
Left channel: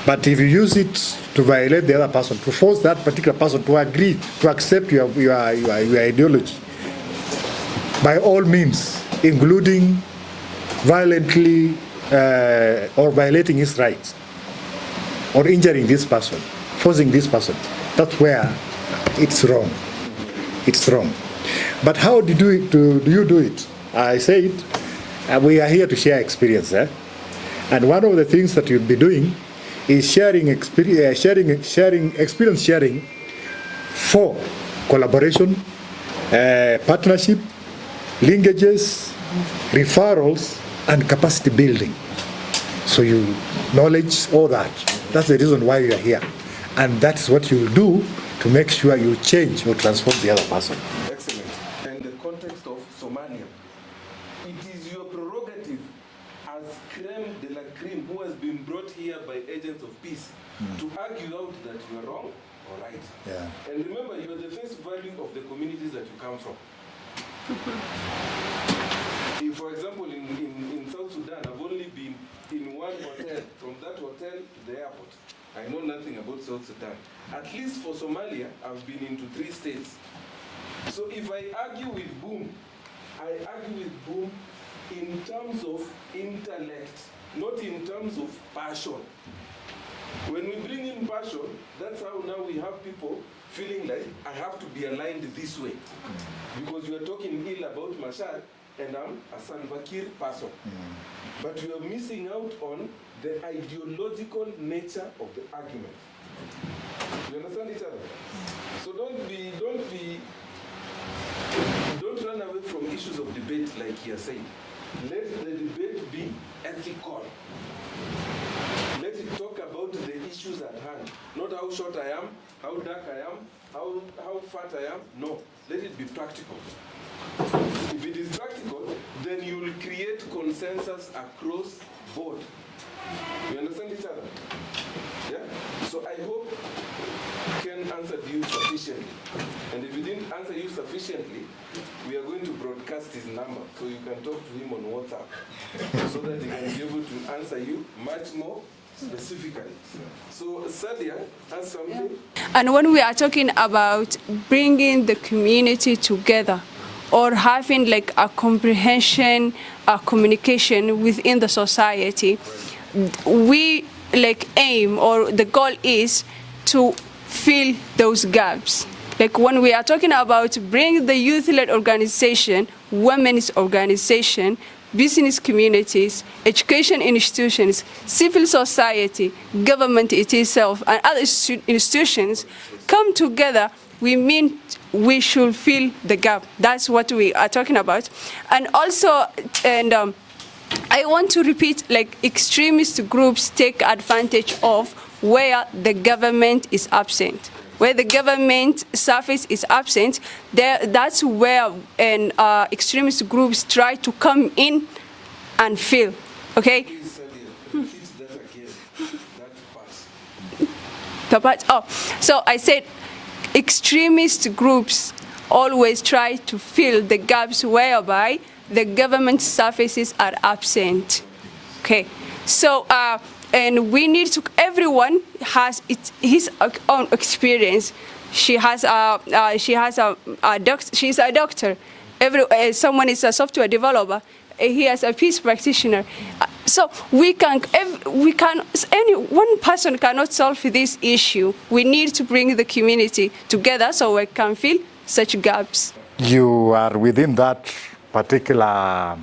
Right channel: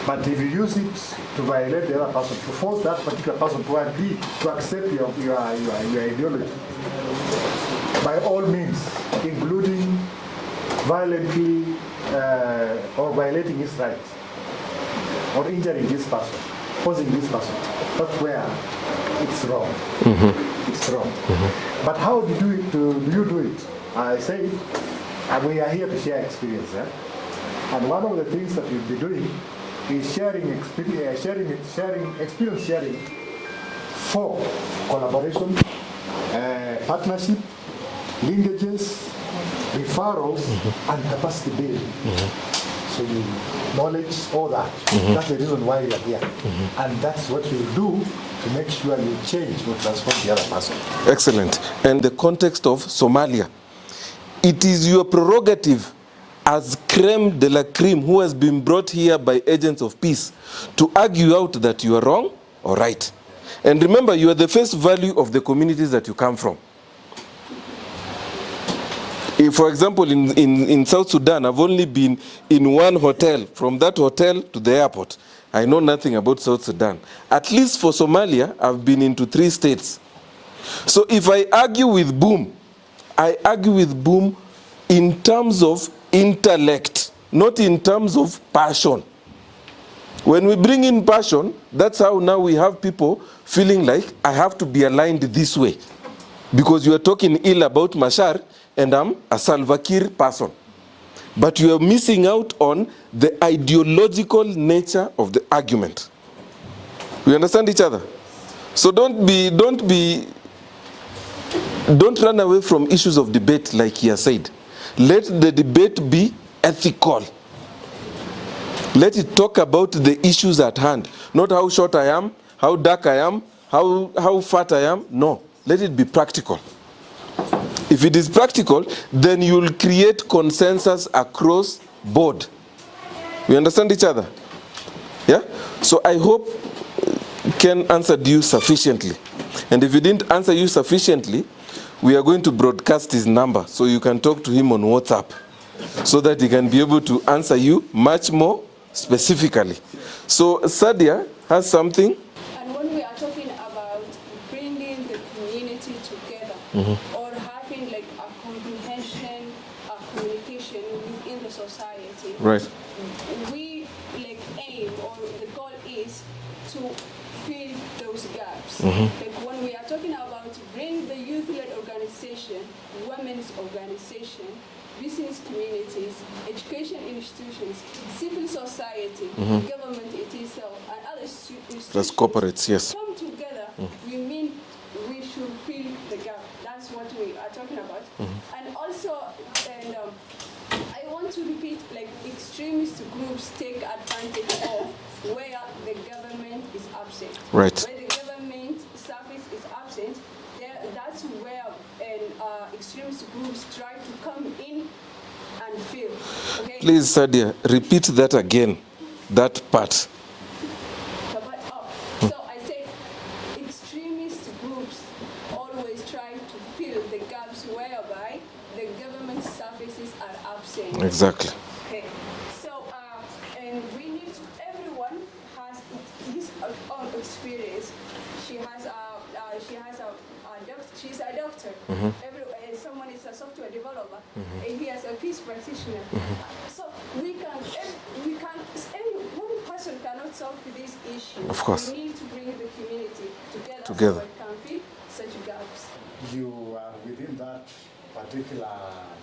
But if you use it to violate the other person, to force that particular person to agree, to accept your ideology, by all means, including violently or violating his rights, or injuring this person, forcing this person, that's where it's wrong. It's wrong. But how do you do it? I said, we are here to share experience. And one of the things that you'll be doing is experience sharing for collaboration, partnership, linkages, referrals, and capacity building. So you knowledge all that. That's the reason why you are here. And that's what you do to make sure you change or transform the other person. Excellent. And the context of Somalia, it is your prerogative as creme de la creme who has been brought here by agents of peace to argue out that you are wrong or right. Yeah. And remember, you are the face value of the communities that you come from. If, for example, in South Sudan, I've only been in one hotel, from that hotel to the airport. I know nothing about South Sudan. At least for Somalia, I've been into 3 states. So if I argue with Boom, I argue with Boom in terms of intellect, not in terms of passion. When we bring in passion, that's how now we have people feeling like I have to be aligned this way. Because you are talking ill about Machar, and I'm a Salva Kiir person. But you are missing out on the ideological nature of the argument. We understand each other? So don't run away from issues of debate like he has said. Let the debate be ethical. Let it talk about the issues at hand, not how short I am, how dark I am, how fat I am. No, let it be practical. If it is practical, then you will create consensus across board. We understand each other? Yeah? So I hope Ken answered you sufficiently. And if he didn't answer you sufficiently, we are going to broadcast his number so you can talk to him on WhatsApp so that he can be able to answer you much more specifically. So Sadia has something. And when we are talking about bringing the community together or having like a comprehension, a communication within the society, right, we like aim, or the goal is to fill those gaps. Like when we are talking about bringing the youth-led organization, women's organization, business communities, education institutions, civil society, government itself, and other institutions yes, come together, we mean we should fill the gap. That's what we are talking about. And also, I want to repeat, like extremist groups take advantage of where the government is absent. Right. Where the government service is absent, that's where extremist groups try to come in and fill. Okay? Please, Sadia, repeat that again, that part. The part, so I said extremist groups always try to fill the gaps whereby the government services are absent. Exactly. Okay. So, and we need to, everyone has his own experience. She has she's a doctor. Someone is a software developer. He is a peace practitioner. So one person cannot solve this issue. We need to bring the community together so we can fill such gaps. You are within that particular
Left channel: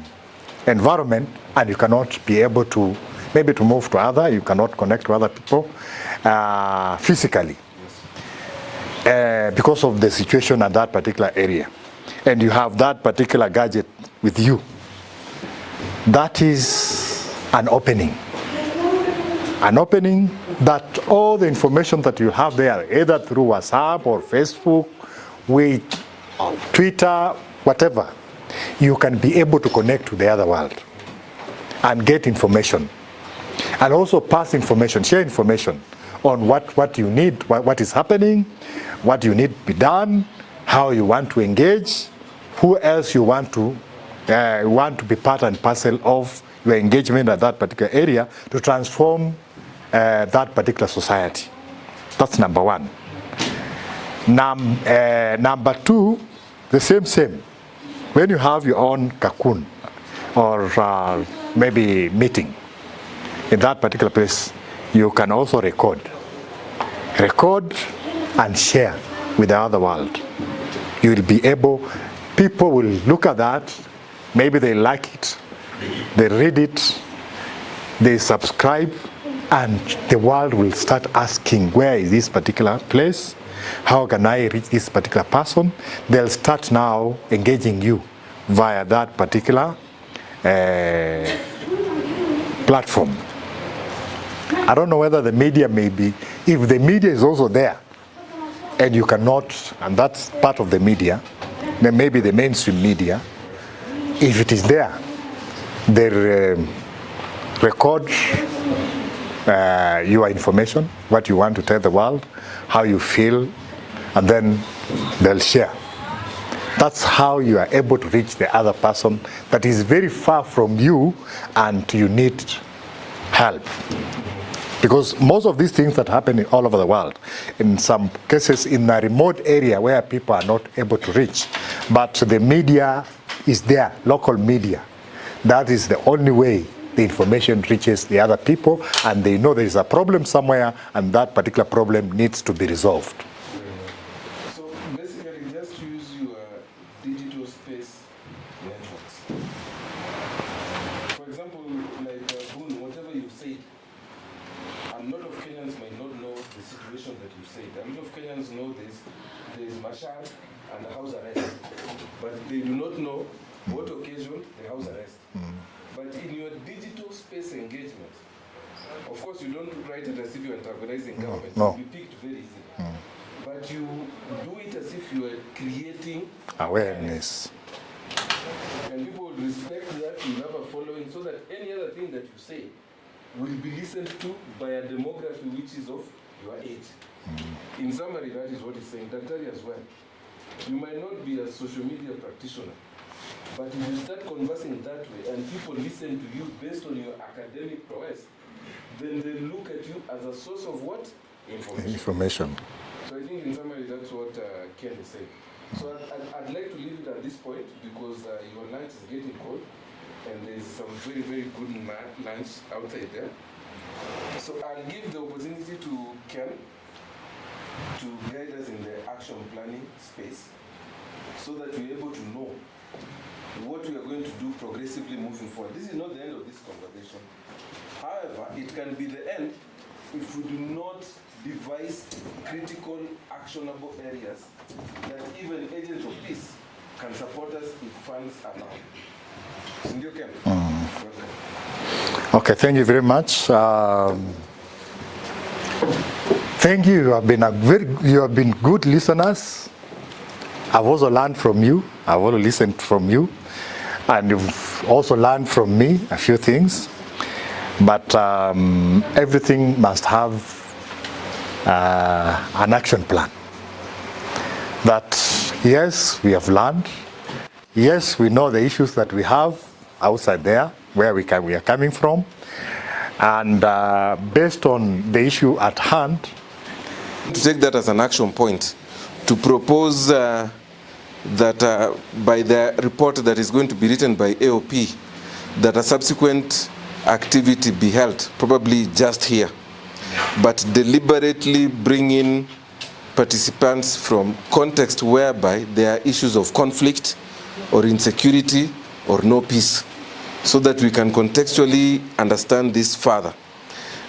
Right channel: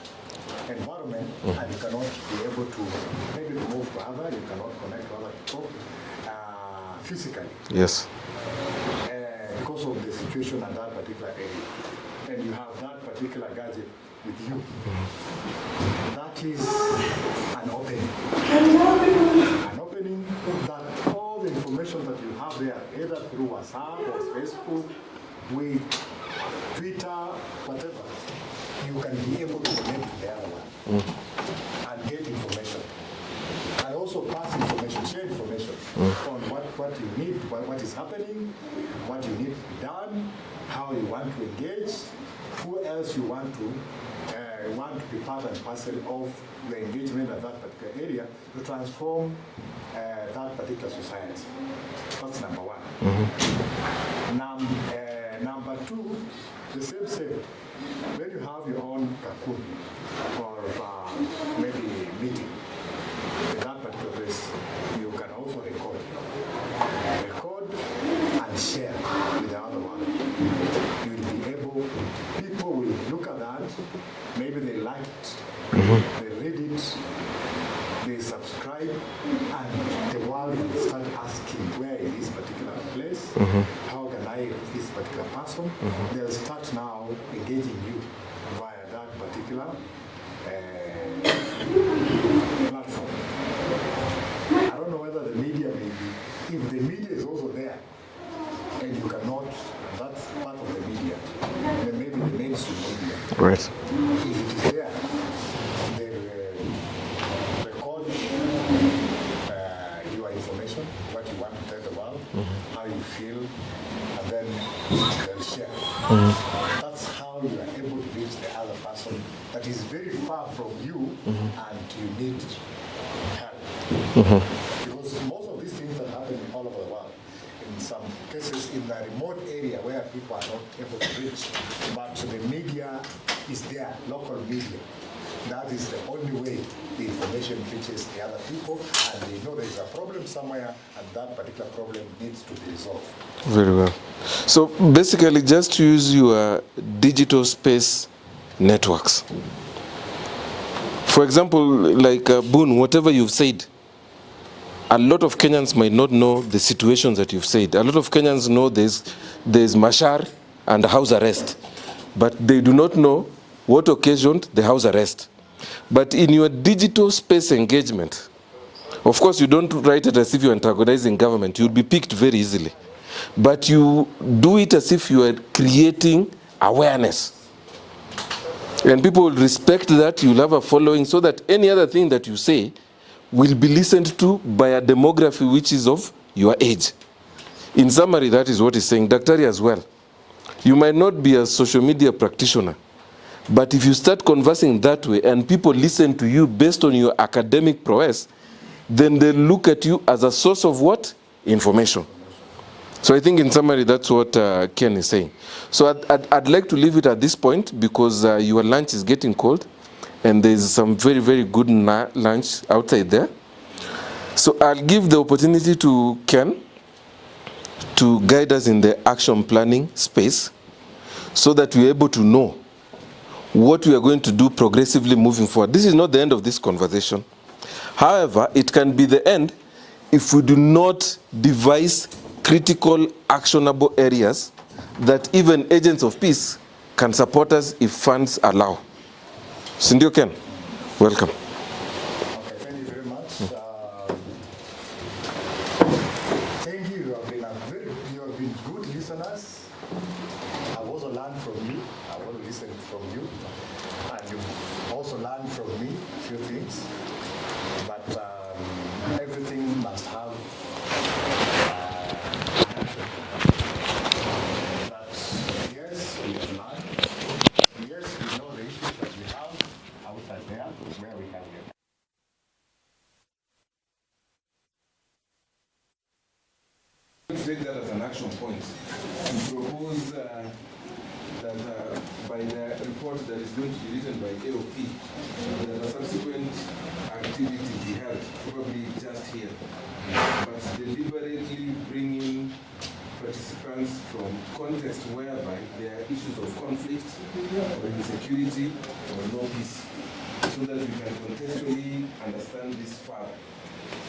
environment, and you cannot be able to maybe to move to other. You cannot connect to other people physically. Yes. Because of the situation at that particular area, and you have that particular gadget with you. That is an opening that all the information that you have there, either through WhatsApp or Facebook, with Twitter, whatever, you can be able to connect to the other world and get information, and also pass information, share information on what you need, what is happening, what you need to be done, how you want to engage, who else you want to be part and parcel of your engagement at that particular area to transform that particular society. That's number one. Number two, the same. When you have your own cocoon or maybe meeting in that particular place, you can also record and share with the other world. You will be able, people will look at that, maybe they like it, they read it, they subscribe, and the world will start asking, where is this particular place? How can I reach this particular person? They'll start now engaging you via that particular platform. I don't know whether the media may be, if the media is also there, and you cannot, and that's part of the media, then maybe the mainstream media, right. If it is there, they record your information, what you want to tell the world, how you feel, and then they'll share. That's how you are able to reach the other person that is very far from you and you need help. Because most of these things that happen all over the world, in some cases in a remote area where people are not able to reach, but the media is there, local media. That is the only way the information reaches the other people, and they know there is a problem somewhere and that particular problem needs to be resolved. Very well. So basically just to use your digital space networks. For example, like Boone, whatever you've said, a lot of Kenyans might not know the situations that you've said. A lot of Kenyans know there's Mashar and house arrest, but they do not know what occasioned the house arrest. But in your digital space engagement, of course you don't write it as if you're antagonizing government. You'll be picked very easily. But you do it as if you are creating awareness. And people will respect that, you'll have a following, so that any other thing that you say will be listened to by a demography which is of your age. In summary, that is what he's saying. Daktari as well. You might not be a social media practitioner, but if you start conversing that way and people listen to you based on your academic prowess, then they look at you as a source of what? Information. So I think in summary, that's what Ken is saying. So I'd like to leave it at this point because your lunch is getting cold. And there's some very, very good lunch outside there. So I'll give the opportunity to Ken to guide us in the action planning space so that we're able to know what we are going to do progressively moving forward. This is not the end of this conversation. However, it can be the end if we do not devise critical, actionable areas that even agents of peace can support us if funds allow. Sindio Ken, welcome. Okay, thank you very much. Thank you. You have been good listeners. I've also learned from you. I've also listened from you, and you've also learned from me a few things. But everything must have an action plan. That yes, we have learned. Yes, we know the issues that we have outside there, where we are coming from. And based on the issue at hand, to take that as an action point, to propose that by the report that is going to be written by AOP, that a subsequent activity be held, probably just here, but deliberately bring in participants from context whereby there are issues of conflict or insecurity or no peace, so that we can contextually understand this further.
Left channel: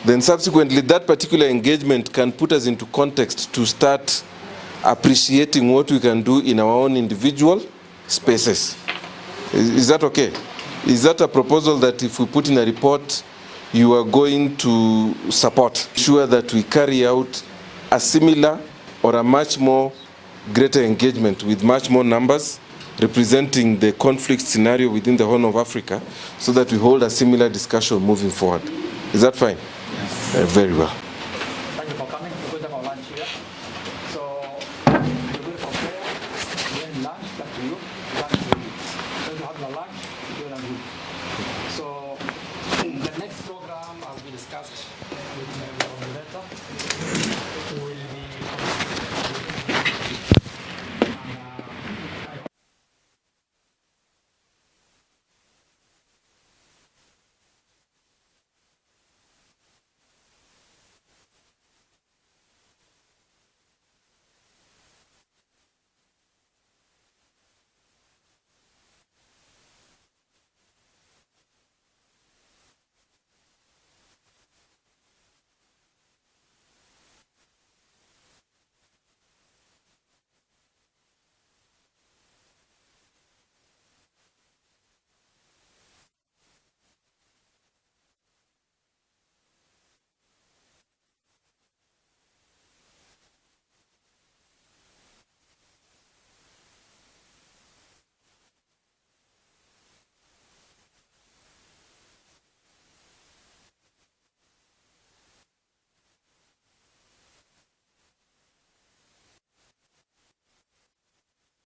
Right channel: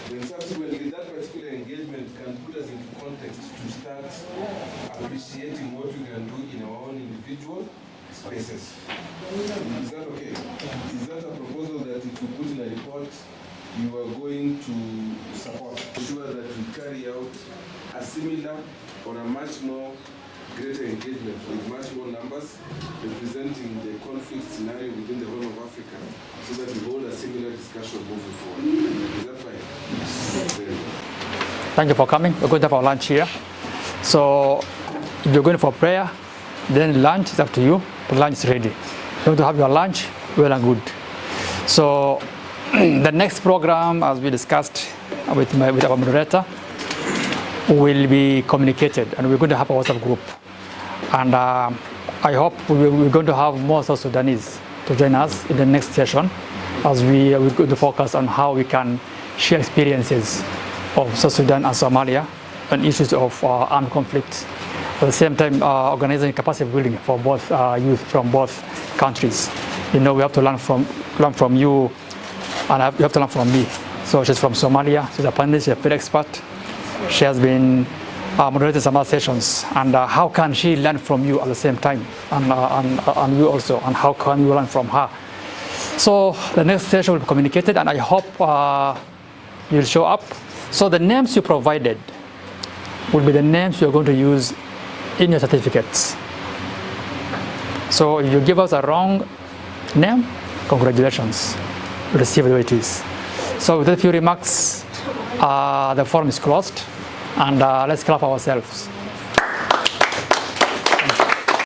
Then subsequently, that particular engagement can put us into context to start appreciating what we can do in our own individual spaces. Is that okay? Is that a proposal that if we put in a report, you are going to support? Sure that we carry out a similar or a much more greater engagement with much more numbers representing the conflict scenario within the Horn of Africa, so that we hold a similar discussion moving forward. Is that fine? Very well. Thank you for coming. We're going to have our lunch here. So if you're going for prayer, then lunch is up to you. The lunch is ready. You're going to have your lunch, well and good. So the next program, as we discussed with our moderator, will be communicated, and we're going to have a WhatsApp group. And I hope we're going to have more South Sudanese to join us in the next session, as we're going to focus on how we can share experiences of South Sudan and Somalia on issues of armed conflict. At the same time, organizing capacity building for both youth from both countries. You know, we have to learn from you, and you have to learn from me. So she's from Somalia. She's a panelist, she's a field expert. She has been moderating some other sessions. And how can she learn from you at the same time, and you also, and how can you learn from her? So the next session will be communicated, and I hope you'll show up. So the names you provided will be the names you're going to use in your certificates. So if you give us a wrong name, congratulations, you'll receive the way it is. So with a few remarks, the forum is closed, and let's clap ourselves.